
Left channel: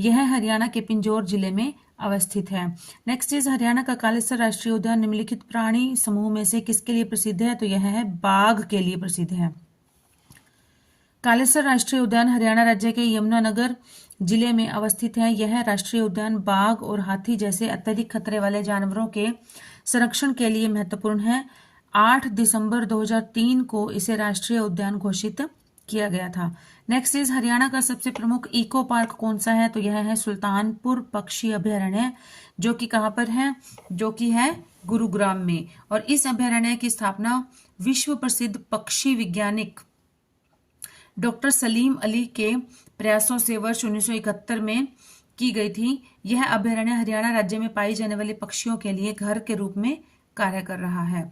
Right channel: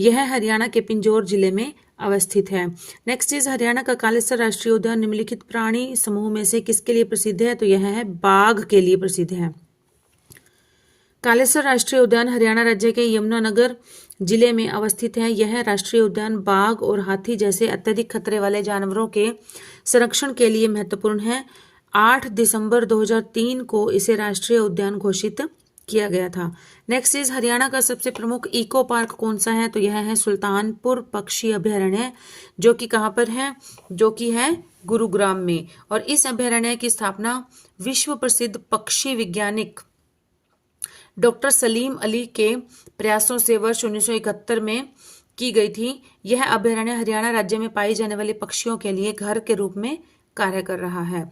यह हरियाणा के पिंजौर जिले में अवस्थित है। नेक्स्ट इज हरियाणा का कालेसर राष्ट्रीय उद्यान निम्नलिखित प्राणी समूह में से किसके लिए प्रसिद्ध है? तो यह है बाघ के लिए प्रसिद्ध है। कालेसर राष्ट्रीय उद्यान हरियाणा राज्य के यमुनानगर जिले में अवस्थित है। यह राष्ट्रीय उद्यान बाघ और हाथी जैसे अत्यधिक खतरे वाले जानवरों के संरक्षण के लिए महत्वपूर्ण है। 8 दिसंबर 2003 को इसे राष्ट्रीय उद्यान घोषित किया गया था। नेक्स्ट इज हरियाणा का सबसे प्रमुख इको पार्क कौन सा है? तो यह है सुल्तानपुर पक्षी अभ्यारण्य, जो कि कहाँ पर है? जो कि है गुरुग्राम में। और इस अभयारण्य की स्थापना विश्व प्रसिद्ध पक्षी वैज्ञानिक डॉक्टर सलीम अली के प्रयासों से वर्ष 1971 में की गई थी। यह अभयारण्य हरियाणा राज्य में पाई जाने वाले पक्षियों के लिए घर के रूप में कार्य कर रहा है।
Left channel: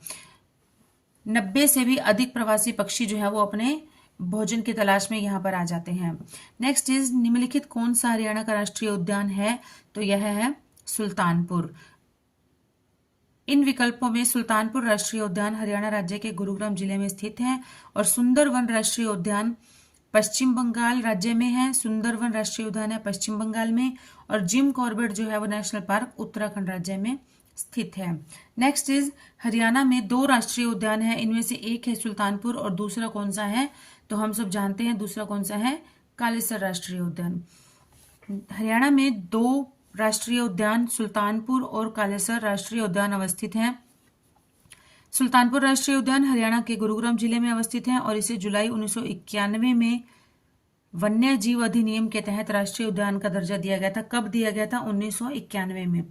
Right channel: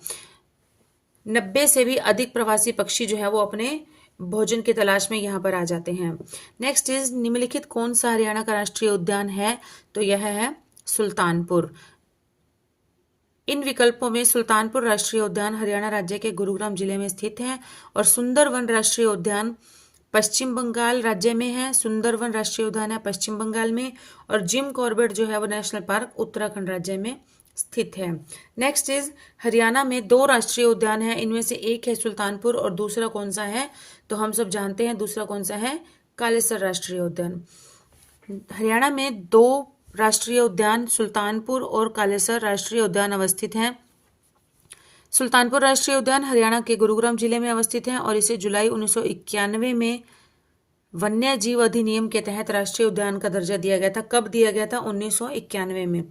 90 से भी अधिक प्रवासी पक्षी जो है वो अपने भोजन की तलाश में यहाँ पर आ जाते हैं। नेक्स्ट इज निम्नलिखित कौन सा हरियाणा का राष्ट्रीय उद्यान है? तो यह है सुल्तानपुर। इन विकल्पों में सुल्तानपुर राष्ट्रीय उद्यान हरियाणा राज्य के गुरुग्राम जिले में स्थित है और सुंदरवन राष्ट्रीय उद्यान पश्चिम बंगाल राज्य में है। सुंदरवन राष्ट्रीय उद्यान है पश्चिम बंगाल में, और जिम कॉर्बेट जो है वो नेशनल पार्क उत्तराखंड राज्य में स्थित है। नेक्स्ट इज हरियाणा में 2 राष्ट्रीय उद्यान है, इनमें से एक है सुल्तानपुर और दूसरा कौन सा है? तो हम सब जानते हैं दूसरा कौन सा है, कालेसर राष्ट्रीय उद्यान। हरियाणा में 2 राष्ट्रीय उद्यान सुल्तानपुर और कालेसर राष्ट्रीय उद्यान अवस्थित हैं। सुल्तानपुर राष्ट्रीय उद्यान हरियाणा के गुरुग्राम जिले में अवस्थित है और इसे जुलाई 1991 में वन्य जीव अधिनियम के तहत राष्ट्रीय उद्यान का दर्जा दिया गया था। कब दिया गया था? 1991 में।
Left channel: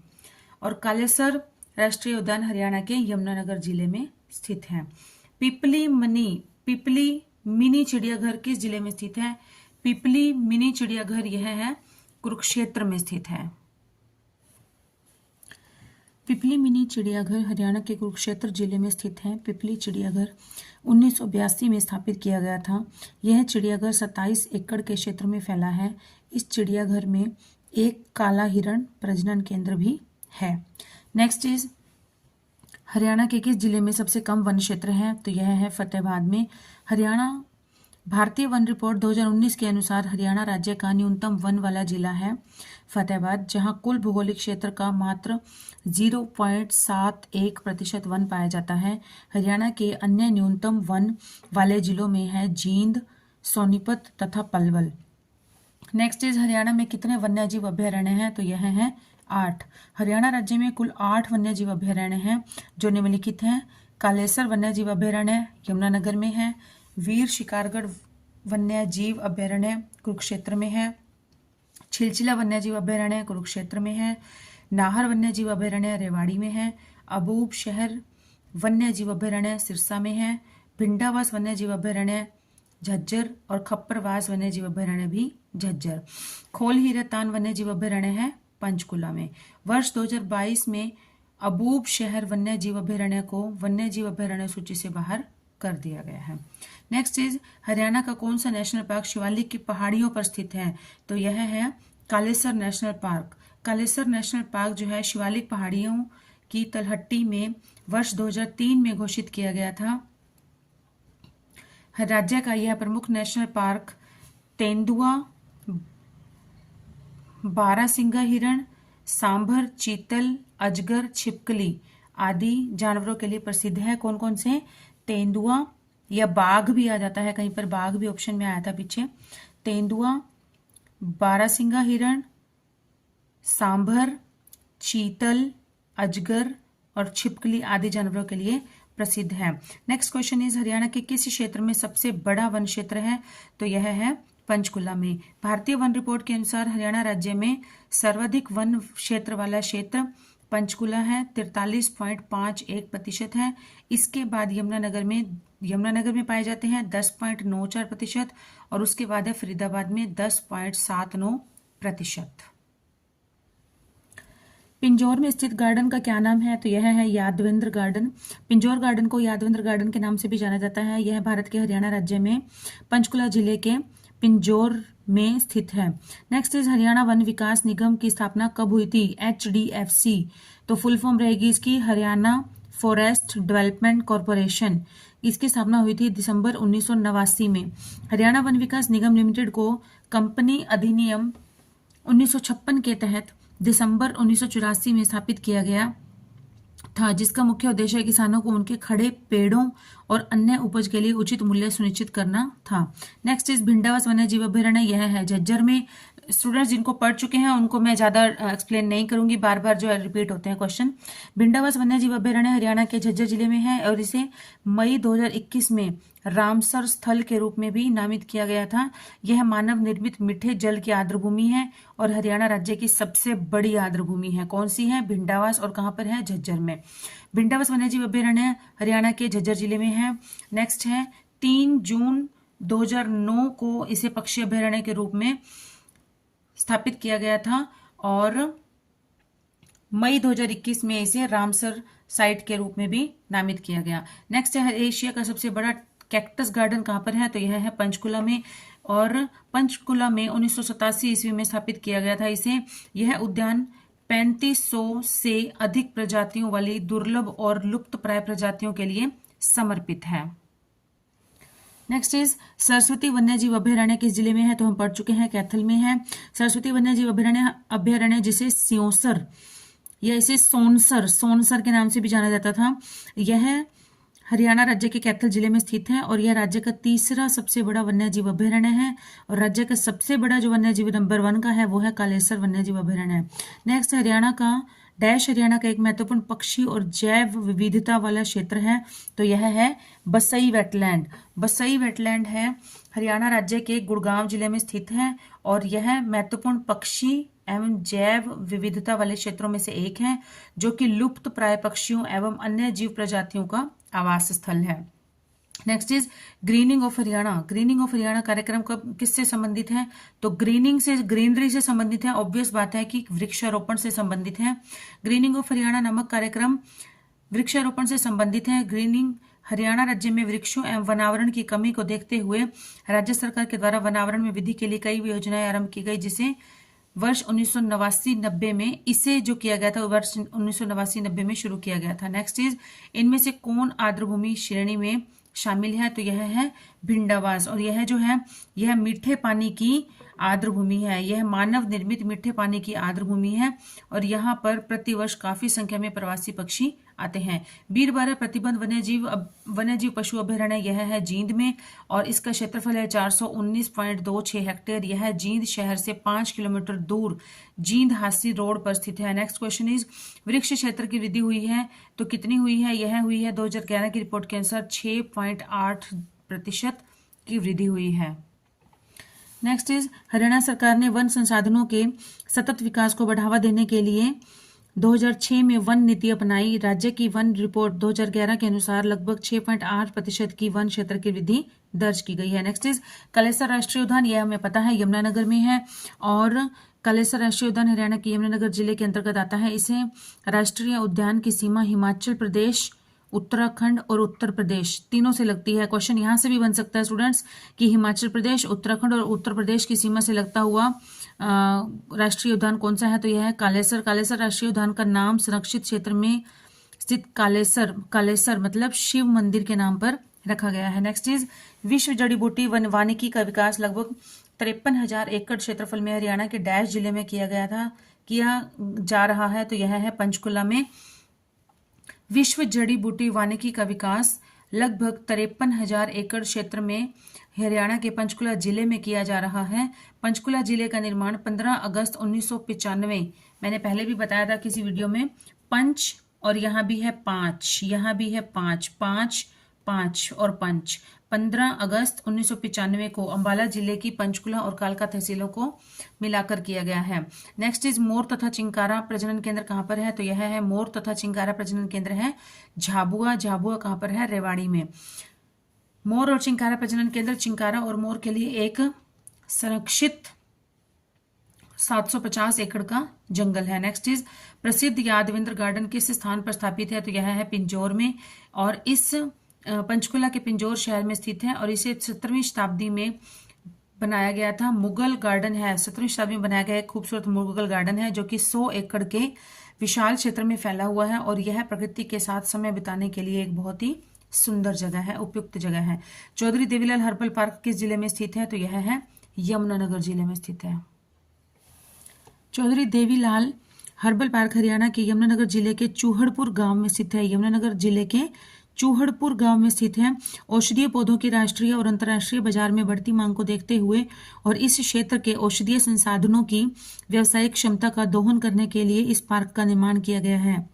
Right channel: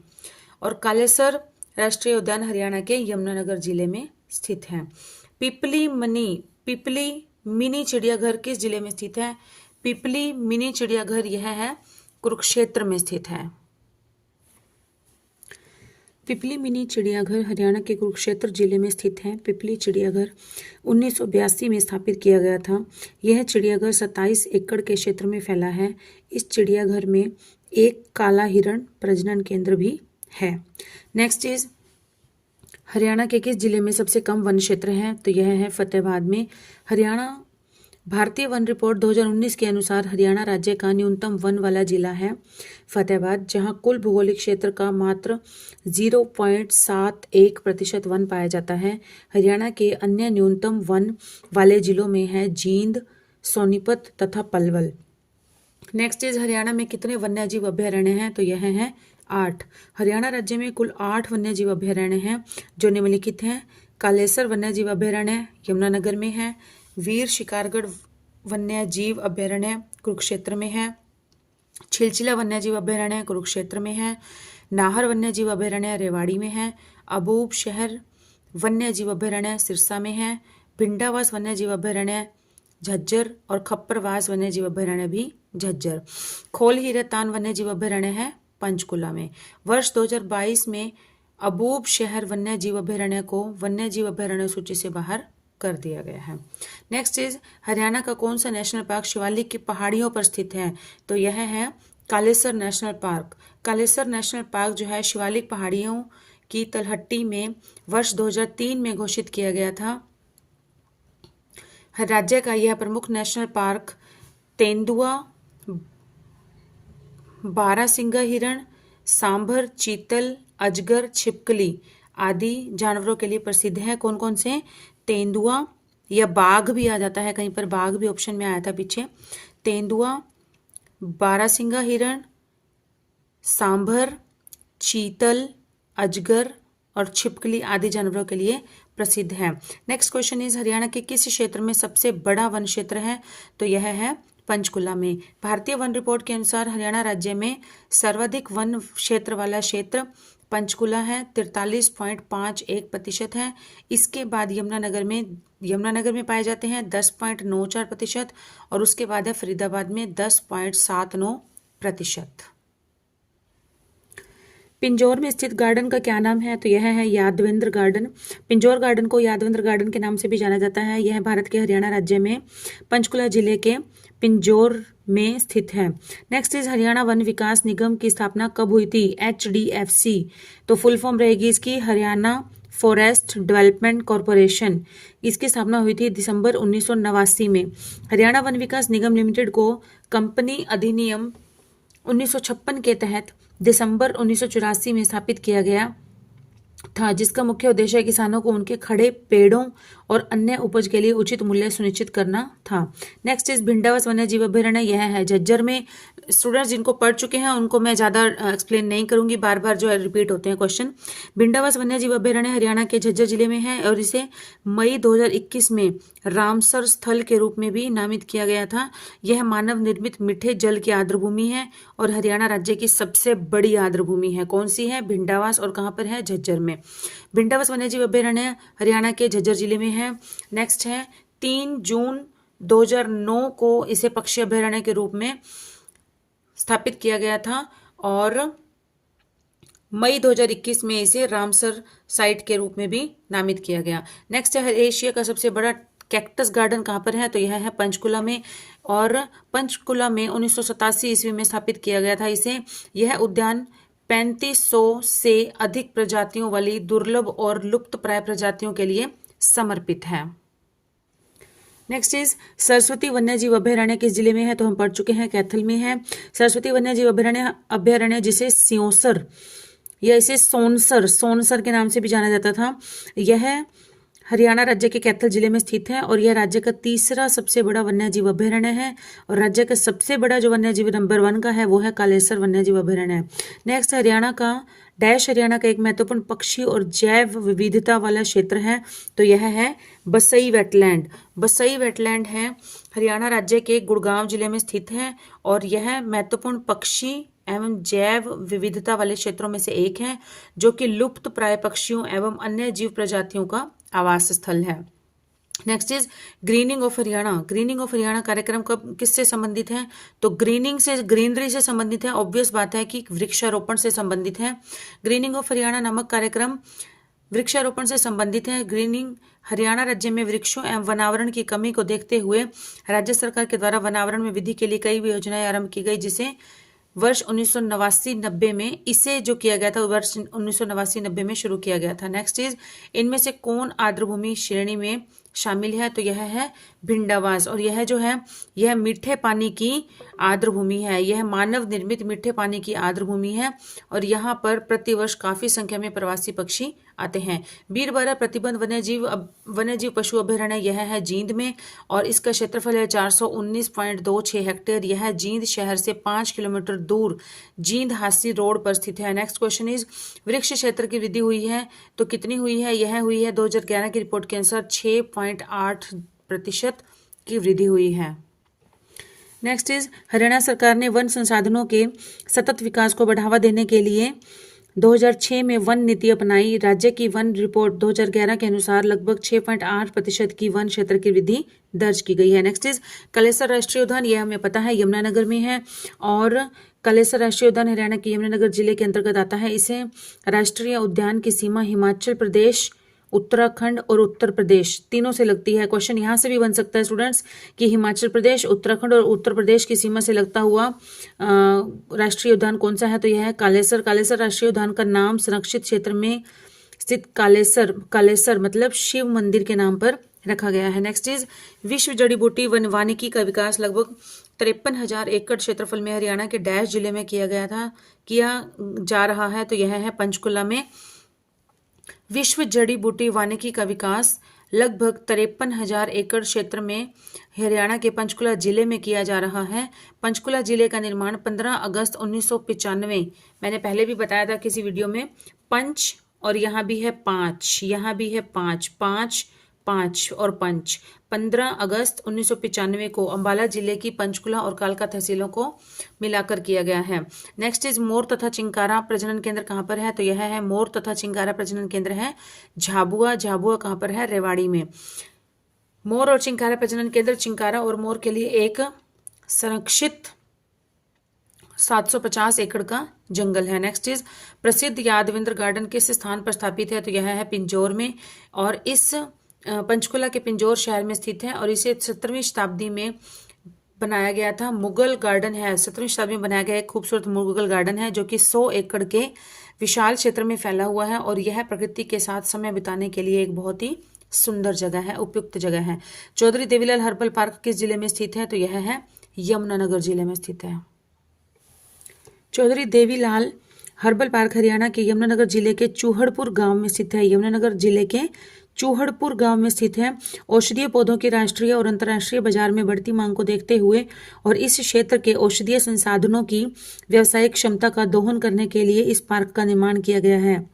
और कालेसर राष्ट्रीय उद्यान हरियाणा के यमुनानगर जिले में स्थित है। पिपली मिनी चिड़ियाघर किस जिले में स्थित है? पिपली मिनी चिड़ियाघर यह है कुरुक्षेत्र में स्थित है। पिपली मिनी चिड़ियाघर हरियाणा के कुरुक्षेत्र जिले में स्थित है। पिपली चिड़ियाघर 1982 में स्थापित किया गया था। यह चिड़ियाघर 27 एकड़ के क्षेत्र में फैला है। इस चिड़ियाघर में एक काला हिरण प्रजनन केंद्र भी है। नेक्स्ट इज हरियाणा के किस जिले में सबसे कम वन क्षेत्र है? तो यह है फतेहाबाद में। हरियाणा भारतीय वन रिपोर्ट 2019 के अनुसार हरियाणा राज्य का न्यूनतम वन वाला जिला है फतेहाबाद, जहां कुल भौगोलिक क्षेत्र का मात्र 0.71% वन पाया जाता है। हरियाणा के अन्य न्यूनतम वन वाले जिलों में है जींद, सोनीपत तथा पलवल। नेक्स्ट इज हरियाणा में कितने वन्यजीव अभयारण्य हैं? तो यह है 8। हरियाणा राज्य में कुल 8 वन्यजीव अभयारण्य हैं जो निम्नलिखित हैं। कालेसर वन्यजीव अभयारण्य यमुनानगर में है। वीर शिकारगढ़ वन्यजीव अभयारण्य कुरुक्षेत्र में है। छिलचिला वन्यजीव अभयारण्य कुरुक्षेत्र में है। नाहर वन्यजीव अभयारण्य रेवाड़ी में है। अबूब शहर वन्यजीव अभयारण्य सिरसा में है। भिंडावास वन्यजीव अभयारण्य झज्जर और खप्परवास वन्यजीव अभयारण्य भी झज्जर। खोल हीरातान वन्यजीव अभयारण्य है पंचकुला में। वर्ष 2022 में अबूब शहर वन्यजीव अभयारण्य को वन्यजीव अभयारण्य सूची से बाहर कर दिया गया है। नेक्स्ट इज हरियाणा का कौन सा नेशनल पार्क शिवालिक की पहाड़ियों पर स्थित है? तो यह है Kalesar national park. Kalesar national park जो है शिवालिक पहाड़ियों की तलहटी में वर्ष 2003 में घोषित किया गया था। राज्य का यह प्रमुख नेशनल पार्क तेंदुआ, बारहसिंगा हिरण, सांभर, चीतल, अजगर, छिपकली आदि जानवरों के लिए प्रसिद्ध है। कौन कौन से? तेंदुआ, या बाघ भी आ जाता है, कहीं पर बाघ भी ऑप्शन में आया था पीछे। तेंदुआ, बारहसिंगा हिरण, सांभर, चीतल, अजगर और छिपकली आदि जानवरों के लिए प्रसिद्ध है। नेक्स्ट क्वेश्चन इज हरियाणा के किस क्षेत्र में सबसे बड़ा वन क्षेत्र है? तो यह है पंचकुला में। भारतीय वन रिपोर्ट के अनुसार हरियाणा राज्य में सर्वाधिक वन क्षेत्र वाला क्षेत्र पंचकुला है, 43.51% है। इसके बाद यमुनानगर में पाए जाते हैं 10.94% और उसके बाद है फरीदाबाद में 10.79%। पिंजौर में स्थित गार्डन का क्या नाम है? तो यह है यादवेंद्र गार्डन। पिंजौर गार्डन को यादवेंद्र गार्डन के नाम से भी जाना जाता है। यह भारत के हरियाणा राज्य में पंचकुला जिले के पिंजौर में स्थित है। नेक्स्ट इज हरियाणा वन विकास निगम की स्थापना कब हुई थी? HDFC। तो फुल फॉर्म रहेगी इसकी हरियाणा फॉरेस्ट डेवलपमेंट कॉरपोरेशन। इसकी स्थापना हुई थी दिसंबर 1989 में। हरियाणा वन विकास निगम लिमिटेड को कंपनी अधिनियम 1956 के तहत दिसंबर 1984 में स्थापित किया गया था, जिसका मुख्य उद्देश्य किसानों को उनके खड़े पेड़ों और अन्य उपज के लिए उचित मूल्य सुनिश्चित करना था। नेक्स्ट इज भिंडावास वन्यजीव अभयारण्य। यह है झज्जर में। स्टूडेंट्स जिनको पढ़ चुके हैं उनको मैं ज़्यादा एक्सप्लेन नहीं करूंगी, बार बार जो है रिपीट होते हैं क्वेश्चन। भिंडावास वन्यजीव अभयारण्य हरियाणा के झज्जर जिले में है और इसे मई 2021 में रामसर स्थल के रूप में भी नामित किया गया था। यह मानव निर्मित मीठे जल की आर्द्रभूमि है और हरियाणा राज्य की सबसे बड़ी आर्द्रभूमि है। कौन सी है? भिंडावास। और कहाँ पर है? झज्जर में। भिंडावास वन्यजीव अभयारण्य हरियाणा के झज्जर जिले में है। नेक्स्ट है 3 जून 2009 को इसे पक्षी अभयारण्य के रूप में स्थापित किया गया था और मई 2021 में इसे रामसर साइट के रूप में भी नामित किया गया। नेक्स्ट है एशिया का सबसे बड़ा कैक्टस गार्डन कहाँ पर है? तो यह है पंचकुला में और पंचकुला में 1987 ईस्वी में स्थापित किया गया था इसे। यह उद्यान 3500 से अधिक प्रजातियों वाली दुर्लभ और लुप्तप्राय प्रजातियों के लिए समर्पित है। नेक्स्ट इज सरस्वती वन्यजीव अभयारण्य किस जिले में है? तो हम पढ़ चुके हैं, कैथल में है। सरस्वती वन्यजीव अभयारण्य जिसे स्योसर या इसे सोनसर के नाम से भी जाना जाता था, यह हरियाणा राज्य के कैथल जिले में स्थित है और यह राज्य का तीसरा सबसे बड़ा वन्यजीव अभयारण्य है और राज्य का सबसे बड़ा जो वन्यजीव नंबर 1 का है वो है कालेसर वन्यजीव अभयारण्य। नेक्स्ट हरियाणा का एक महत्वपूर्ण पक्षी और जैव विविधता वाला क्षेत्र है, तो यह है बसई वेटलैंड। बसई वेटलैंड है हरियाणा राज्य के गुड़गांव जिले में स्थित है और यह महत्वपूर्ण पक्षी एवं जैव विविधता वाले क्षेत्रों में से एक है जो कि लुप्त प्राय पक्षियों एवं अन्य जीव प्रजातियों का आवास स्थल है। Next is grinning of Haryana. Grinning of Haryana कार्यक्रम कब किससे संबंधित है? तो ग्रीनरी से संबंधित है। ऑब्वियस बात है कि वृक्षारोपण से संबंधित है। ग्रीनिंग ऑफ हरियाणा नामक कार्यक्रम वृक्षारोपण से संबंधित है। ग्रीनिंग हरियाणा राज्य में वृक्षों एवं वनावरण की कमी को देखते हुए राज्य सरकार के द्वारा वनावरण में वृद्धि के लिए कई योजनाएं आरंभ की गई, जिसे वर्ष 1989-90 में इसे जो किया गया था वर्ष 1989-90 में शुरू किया गया था। नेक्स्ट इज इनमें से कौन आर्द्रभूमि श्रेणी में शामिल है? तो यह है भिंडावास और यह जो है यह मीठे पानी की आर्द्रभूमि है। यह मानव निर्मित मीठे पानी की आर्द्रभूमि है और यहाँ पर प्रतिवर्ष काफी संख्या में प्रवासी पक्षी आते हैं। बीरबारा प्रतिबंध वन्यजीव पशु अभयारण्य यह है जींद में और इसका क्षेत्रफल है 419.26 हेक्टेयर। यह जींद शहर से 5 किलोमीटर दूर जींद हांसी रोड पर स्थित है। नेक्स्ट क्वेश्चन इज वृक्ष क्षेत्र की वृद्धि हुई है तो कितनी हुई है? यह हुई है 2011 की रिपोर्ट के अनुसार 6.8% की वृद्धि हुई है। नेक्स्ट इज हरियाणा सरकार ने वन संसाधनों के सतत विकास को बढ़ावा देने के लिए 2006 में वन नीति अपनाई। राज्य की वन रिपोर्ट 2011 के अनुसार लगभग 6.8% की वन क्षेत्र की वृद्धि दर्ज की गई है। नेक्स्ट इज कलेसर राष्ट्रीय उद्यान, यह हमें पता है यमुनानगर में है और कलेसर राष्ट्रीय उद्यान हरियाणा के यमुनानगर जिले के अंतर्गत आता है। इसे राष्ट्रीय उद्यान की सीमा हिमाचल प्रदेश, उत्तराखंड और उत्तर प्रदेश तीनों से लगती है। क्वेश्चन यहाँ से भी बन सकता है स्टूडेंट्स कि हिमाचल प्रदेश, उत्तराखंड और उत्तर प्रदेश की सीमा से लगता हुआ राष्ट्रीय उद्यान कौन सा है? तो यह है कालेसर। कालेसर राष्ट्रीय उद्यान का नाम संरक्षित क्षेत्र में स्थित कालेसर मतलब शिव मंदिर के नाम पर रखा गया है। नेक्स्ट इज विश्व जड़ी बूटी वानिकी का विकास लगभग 53,000 एकड़ क्षेत्रफल में हरियाणा के डैश जिले में किया जा रहा है, तो यह है पंचकुला में। विश्व जड़ी बूटी वानिकी का विकास लगभग 53,000 एकड़ क्षेत्र में हरियाणा के पंचकुला जिले में किया जा रहा है। पंचकुला जिले का निर्माण 15 अगस्त 1995, मैंने पहले भी बताया था किसी वीडियो में, पंच और यहाँ भी है 5, यहाँ भी है 5, 5, 5 और पंच, 15 अगस्त 1995 को अंबाला जिले की पंचकुला और कालका तहसीलों को मिलाकर किया गया है। नेक्स्ट इज मोर तथा चिंकारा प्रजनन केंद्र कहाँ पर है? तो यह है मोर तथा चिंकारा प्रजनन केंद्र है झाबुआ कहाँ पर है? रेवाड़ी में। मोर और चिंकारा प्रजनन केंद्र चिंकारा और मोर के लिए एक संरक्षित 750 एकड़ का जंगल है। नेक्स्ट इज प्रसिद्ध यादविंद्र गार्डन किस स्थान पर स्थापित है? तो यह है पिंजौर में और इस पंचकुला के पिंजौर शहर में स्थित है और इसे 17वीं शताब्दी में बनाया गया था। मुगल गार्डन है, 17वीं शताब्दी में बनाया गया एक खूबसूरत मुगल गार्डन है जो कि 100 एकड़ के विशाल क्षेत्र में फैला हुआ है और यह प्रकृति के साथ समय बिताने के लिए एक बहुत ही सुंदर जगह है, उपयुक्त जगह है। चौधरी देवीलाल हर्बल पार्क किस जिले में स्थित है? तो यह है यमुनानगर जिले में स्थित है। चौधरी देवीलाल हर्बल पार्क हरियाणा के यमुनानगर जिले के चूहड़पुर गांव में स्थित है। यमुनानगर जिले के चूहड़पुर गांव में स्थित है। औषधीय पौधों की राष्ट्रीय और अंतर्राष्ट्रीय बाजार में बढ़ती मांग को देखते हुए और इस क्षेत्र के औषधीय संसाधनों की व्यावसायिक क्षमता का दोहन करने के लिए इस पार्क का निर्माण किया गया है।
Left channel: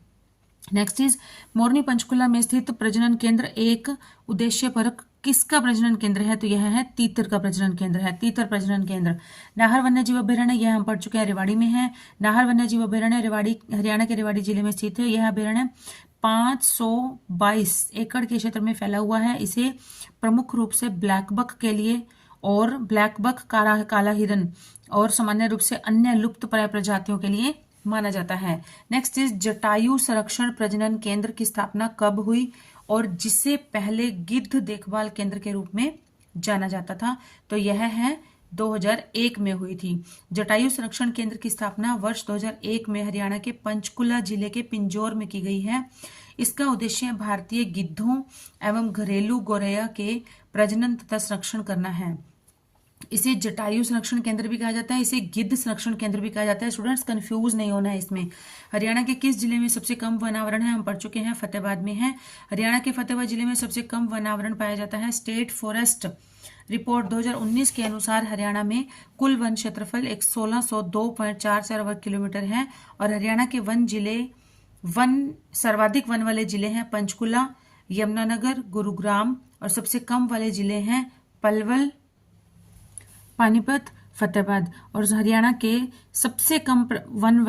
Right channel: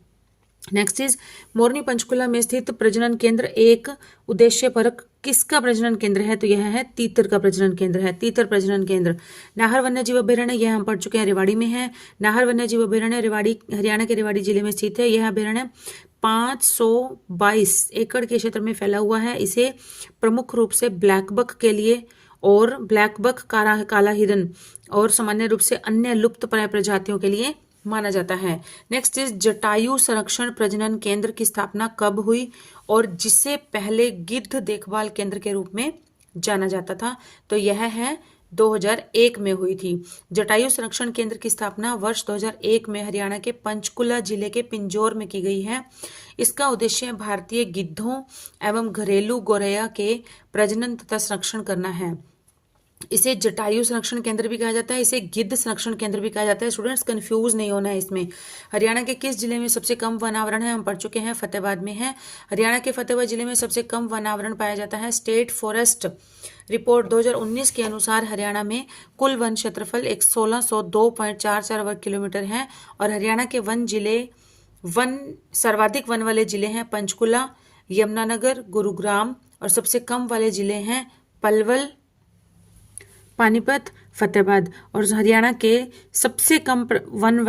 नेक्स्ट इज मोरनी पंचकुला में स्थित प्रजनन केंद्र एक उद्देश्य परक किसका प्रजनन केंद्र है? तो यह है तीतर का प्रजनन केंद्र है, तीतर प्रजनन केंद्र। नाहर वन्य जीव अभ्यारण्य, यह हम पढ़ चुके हैं, रेवाड़ी में है। नाहर वन्य जीव अभ्यारण्य रेवाड़ी, हरियाणा के रेवाड़ी जिले में स्थित है। यह अभ्यारण्य 522 एकड़ के क्षेत्र में फैला हुआ है। इसे प्रमुख रूप से ब्लैक बक के लिए और ब्लैक बक, काला हिरन और सामान्य रूप से अन्य लुप्त प्राय प्रजातियों के लिए माना जाता है। नेक्स्ट इज जटायु संरक्षण प्रजनन केंद्र की स्थापना कब हुई और जिसे पहले गिद्ध देखभाल केंद्र के रूप में जाना जाता था? तो यह है 2001 में हुई थी। जटायु संरक्षण केंद्र की स्थापना वर्ष 2001 में हरियाणा के पंचकुला जिले के पिंजौर में की गई है। इसका उद्देश्य भारतीय गिद्धों एवं घरेलू गौरैया के प्रजनन तथा संरक्षण करना है। इसे जटायु संरक्षण केंद्र भी कहा जाता है, इसे गिद्ध संरक्षण केंद्र भी कहा जाता है। स्टूडेंट्स कंफ्यूज नहीं होना है इसमें। हरियाणा के किस जिले में सबसे कम वनावरण है? हम पढ़ चुके हैं, फतेहाबाद में है। हरियाणा के फतेहाबाद जिले में सबसे कम वनावरण पाया जाता है। स्टेट फॉरेस्ट रिपोर्ट 2019 के अनुसार हरियाणा में कुल वन क्षेत्रफल 1602.44 वर्ग किलोमीटर है और हरियाणा के सर्वाधिक वन वाले जिले हैं पंचकुला, यमुनानगर, गुरुग्राम और सबसे कम वाले जिले हैं पलवल, पानीपत, फतेहाबाद। और हरियाणा के सबसे कम वन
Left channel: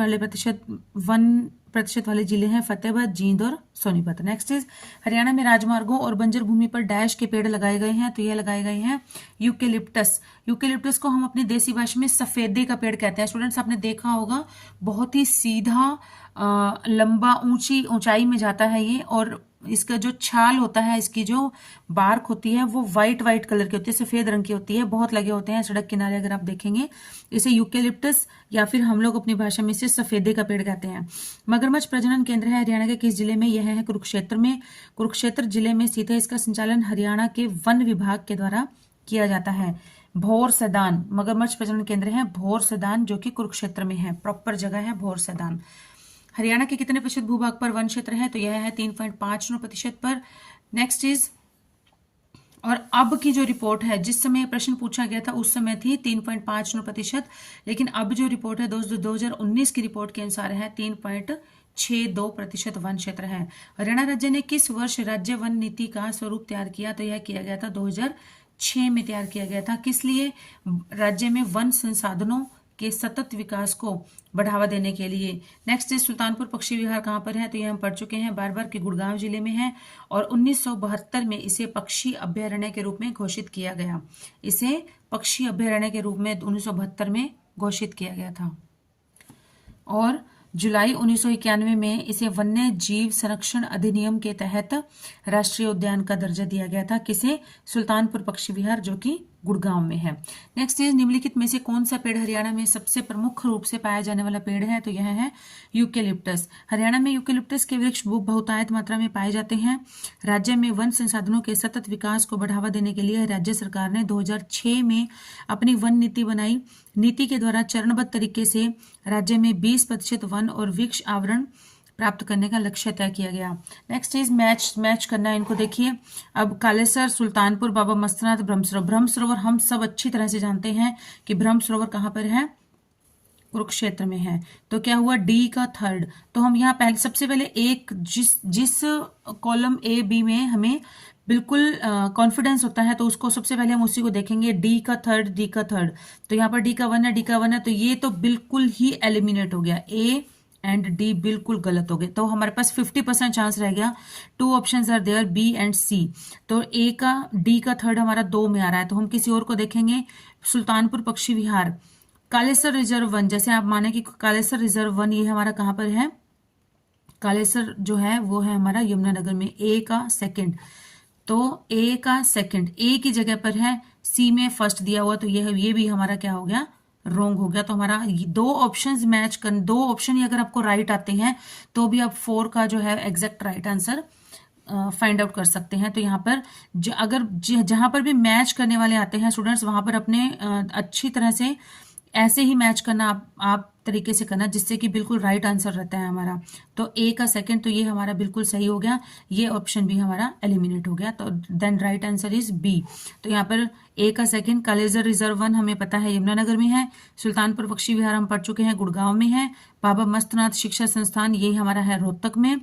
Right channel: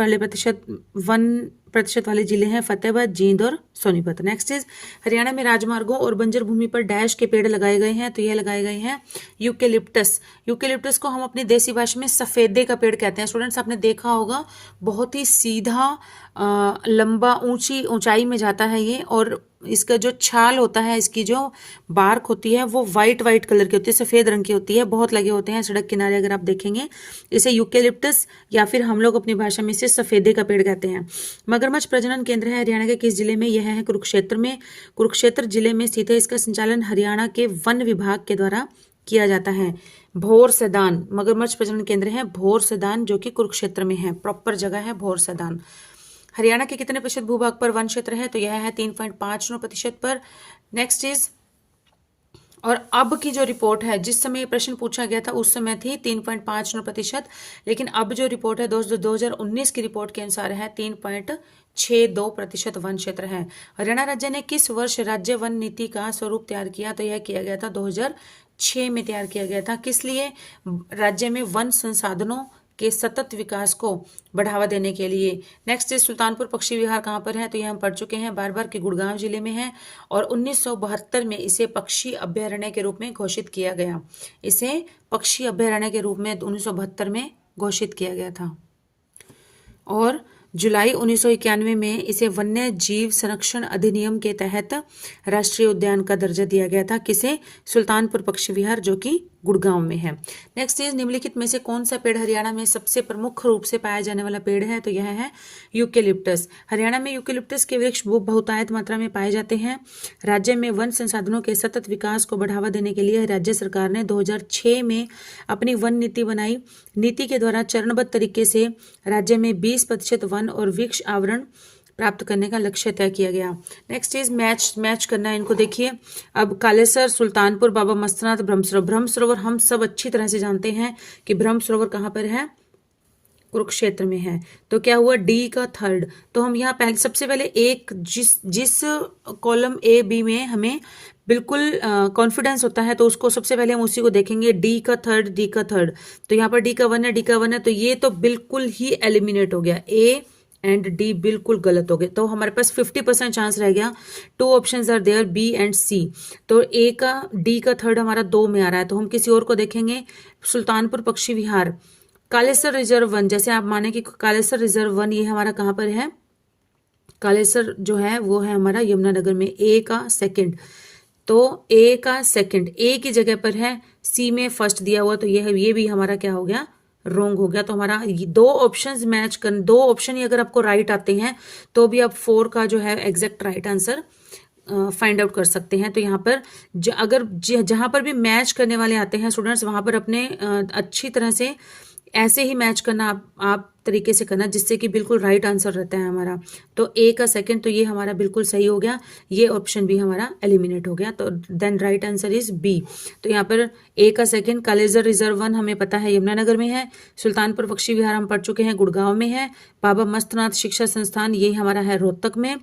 प्रतिशत वाले जिले हैं फतेहाबाद, जींद और सोनीपत। नेक्स्ट इज हरियाणा में राजमार्गों और बंजर भूमि पर डैश के पेड़ लगाए गए हैं। तो यह लगाए गए हैं यूकेलिप्टस। यूकेलिप्टस को हम अपनी देसी भाषा में सफेदे का पेड़ कहते हैं। स्टूडेंट्स आपने देखा होगा, बहुत ही सीधा लंबा ऊंचाई में जाता है ये, और इसका जो छाल होता है, इसकी जो बार्क होती है वो वाइट कलर की होती है, सफेद रंग की होती है। बहुत लगे होते हैं सड़क किनारे, अगर आप देखेंगे। इसे यूकेलिप्टस या फिर हम लोग अपनी भाषा में इसे सफेदे का पेड़ कहते हैं। मगरमच्छ प्रजनन केंद्र है हरियाणा के किस जिले में? यह है कुरुक्षेत्र में। कुरुक्षेत्र जिले में स्थित है। इसका संचालन हरियाणा के वन विभाग के द्वारा किया जाता है। भोर सैदान मगरमच्छ प्रजनन केंद्र है, भोर सैदान, जो कि कुरुक्षेत्र में है। प्रॉपर जगह है भोर सैदान। हरियाणा के कितने प्रतिशत भूभाग पर वन क्षेत्र है? तो यह है 3.59% पर। नेक्स्ट इज, और अब की जो रिपोर्ट है, जिस समय प्रश्न पूछा गया था उस समय थी 3.59%, लेकिन अब जो रिपोर्ट है 2019 की रिपोर्ट के अनुसार है 3.62% वन क्षेत्र है। हरियाणा राज्य ने किस वर्ष राज्य वन नीति का स्वरूप तैयार किया? तो यह किया गया था 2006 में तैयार किया गया था। किस लिए? राज्य में वन संसाधनों के सतत विकास को बढ़ावा देने के लिए। नेक्स्ट इज सुल्तानपुर पक्षी विहार कहाँ पर है? तो यह हम पढ़ चुके हैं, बार के गुड़गांव जिले में है और 1972 में इसे पक्षी अभ्यारण्य के रूप में घोषित किया गया। इसे पक्षी अभ्यारण्य के रूप में 1972 में घोषित किया गया था और जुलाई 1991 में इसे वन्य जीव संरक्षण अधिनियम के तहत राष्ट्रीय उद्यान का दर्जा दिया गया था। किसे? सुल्तानपुर पक्षी विहार, जो कि गुड़गांव में है। नेक्स्ट इज निम्नलिखित में से कौन सा पेड़ हरियाणा में सबसे प्रमुख रूप से पाया जाने वाला पेड़ है? तो यह है यूकेलिप्टस। हरियाणा में यूकेलिप्टस के वृक्ष बहुतायत मात्रा में पाए जाते हैं। राज्य में वन संसाधनों के सतत विकास को बढ़ावा देने के लिए राज्य सरकार ने 2006 में अपनी वन नीति बनाई। नीति के द्वारा चरणबद्ध तरीके से राज्य में 20% वन और वृक्ष आवरण प्राप्त करने का लक्ष्य तय किया गया। नेक्स्ट इज मैच करना है, इनको देखिए। अब कालेसर, सुल्तानपुर, बाबा मस्तनाथ, ब्रह्म सरोवर हम सब अच्छी तरह से जानते हैं कि ब्रह्म सरोवर कहाँ पर है? कुरुक्षेत्र में है। तो क्या हुआ? डी का थर्ड। तो हम यहाँ पहले सबसे पहले एक जिस कॉलम ए बी में हमें बिल्कुल कॉन्फिडेंस होता है तो उसको सबसे पहले हम उसी को देखेंगे। डी का थर्ड, डी का थर्ड। तो यहाँ पर डी का वन है, डी का वन है, तो ये तो बिल्कुल ही एलिमिनेट हो गया। ए एंड डी बिल्कुल गलत हो गए। तो हमारे पास 50% चांस रह गया। 2 options are there, B and C. तो ए का, डी का थर्ड हमारा 2 में आ रहा है, तो हम किसी और को देखेंगे। सुल्तानपुर पक्षी विहार, कालेसर रिजर्व वन, जैसे आप माने कि कालेसर रिजर्व वन ये हमारा कहाँ पर है? कालेसर जो है वो है हमारा यमुनानगर में। ए का सेकंड, तो ए का सेकंड ए की जगह पर है, सी में फर्स्ट दिया हुआ, तो ये भी हमारा क्या हो गया? रॉन्ग हो गया। तो हमारा 2 ऑप्शंस मैच कर, 2 ऑप्शन ही अगर आपको राइट आते हैं तो भी आप 4 का जो है exact right answer find out कर सकते हैं। तो यहाँ पर अगर जहां पर भी मैच करने वाले आते हैं स्टूडेंट्स, वहां पर अपने अच्छी तरह से ऐसे ही मैच करना आप तरीके से करना जिससे कि बिल्कुल राइट आंसर रहता है हमारा। तो ए का सेकंड तो ये हमारा बिल्कुल सही हो गया, ये ऑप्शन भी हमारा एलिमिनेट हो गया, तो then right answer is B. तो यहाँ पर ए का सेकंड कालेजर रिजर्व 1 हमें पता है यमुनानगर में है, सुल्तानपुर पक्षी विहार हम पढ़ चुके हैं गुड़गांव में है, बाबा मस्तनाथ शिक्षा संस्थान ये हमारा है रोहतक में,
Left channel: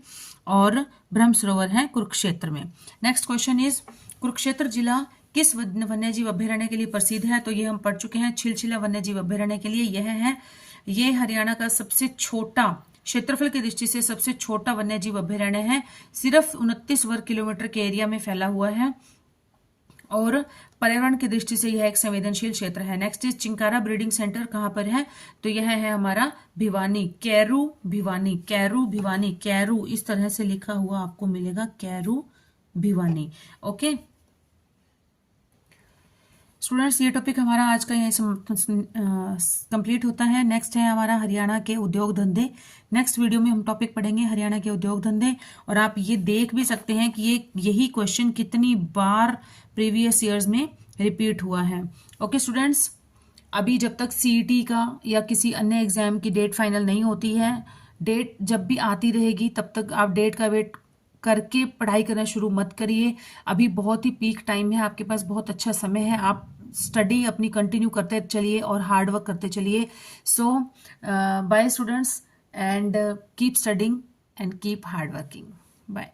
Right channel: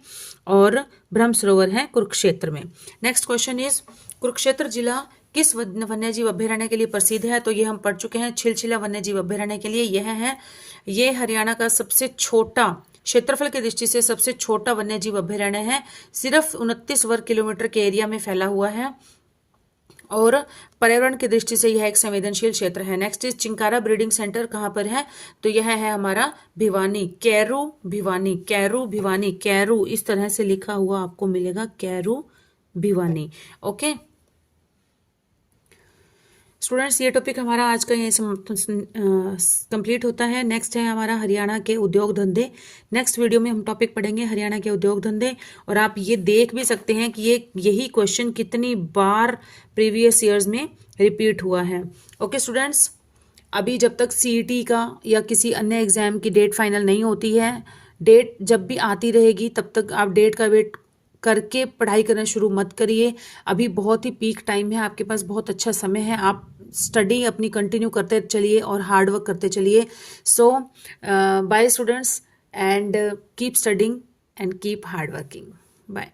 और ब्रह्म सरोवर है कुरुक्षेत्र में। नेक्स्ट क्वेश्चन इज कुरुक्षेत्र जिला किस वन्यजीव अभ्यारण्य के लिए प्रसिद्ध है? तो ये हम पढ़ चुके हैं छिलछिला वन्यजीव अभ्यारण्य के लिए यह है। ये हरियाणा का सबसे छोटा, क्षेत्रफल की दृष्टि से सबसे छोटा वन्यजीव अभ्यारण्य है, सिर्फ 29 वर्ग किलोमीटर के एरिया में फैला हुआ है, और पर्यावरण की दृष्टि से यह एक संवेदनशील क्षेत्र है। Next is chinkara breeding centre कहाँ पर है? तो यह है हमारा Bhiwani, Carew Bhiwani, Carew Bhiwani, Carew इस तरह से लिखा हुआ आपको मिलेगा, कैरू भिवानी। ओके स्टूडेंट्स, ये टॉपिक हमारा आज का यहीं कंप्लीट होता है। नेक्स्ट है हमारा हरियाणा के उद्योग धंधे। नेक्स्ट वीडियो में हम टॉपिक पढ़ेंगे हरियाणा के उद्योग धंधे, और आप ये देख भी सकते हैं कि यही क्वेश्चन कितनी बार प्रीवियस ईयर्स में रिपीट हुआ है। ओके स्टूडेंट्स, अभी जब तक सीईटी का या किसी अन्य एग्जाम की डेट फाइनल नहीं होती है, डेट जब भी आती रहेगी तब तक आप डेट का वेट करके पढ़ाई करना शुरू मत करिए। अभी बहुत ही पीक टाइम है, आपके पास बहुत अच्छा समय है, आप स्टडी अपनी कंटिन्यू करते चलिए और हार्ड वर्क करते चलिए। So bye students, and keep studying and keep hard working. Bye.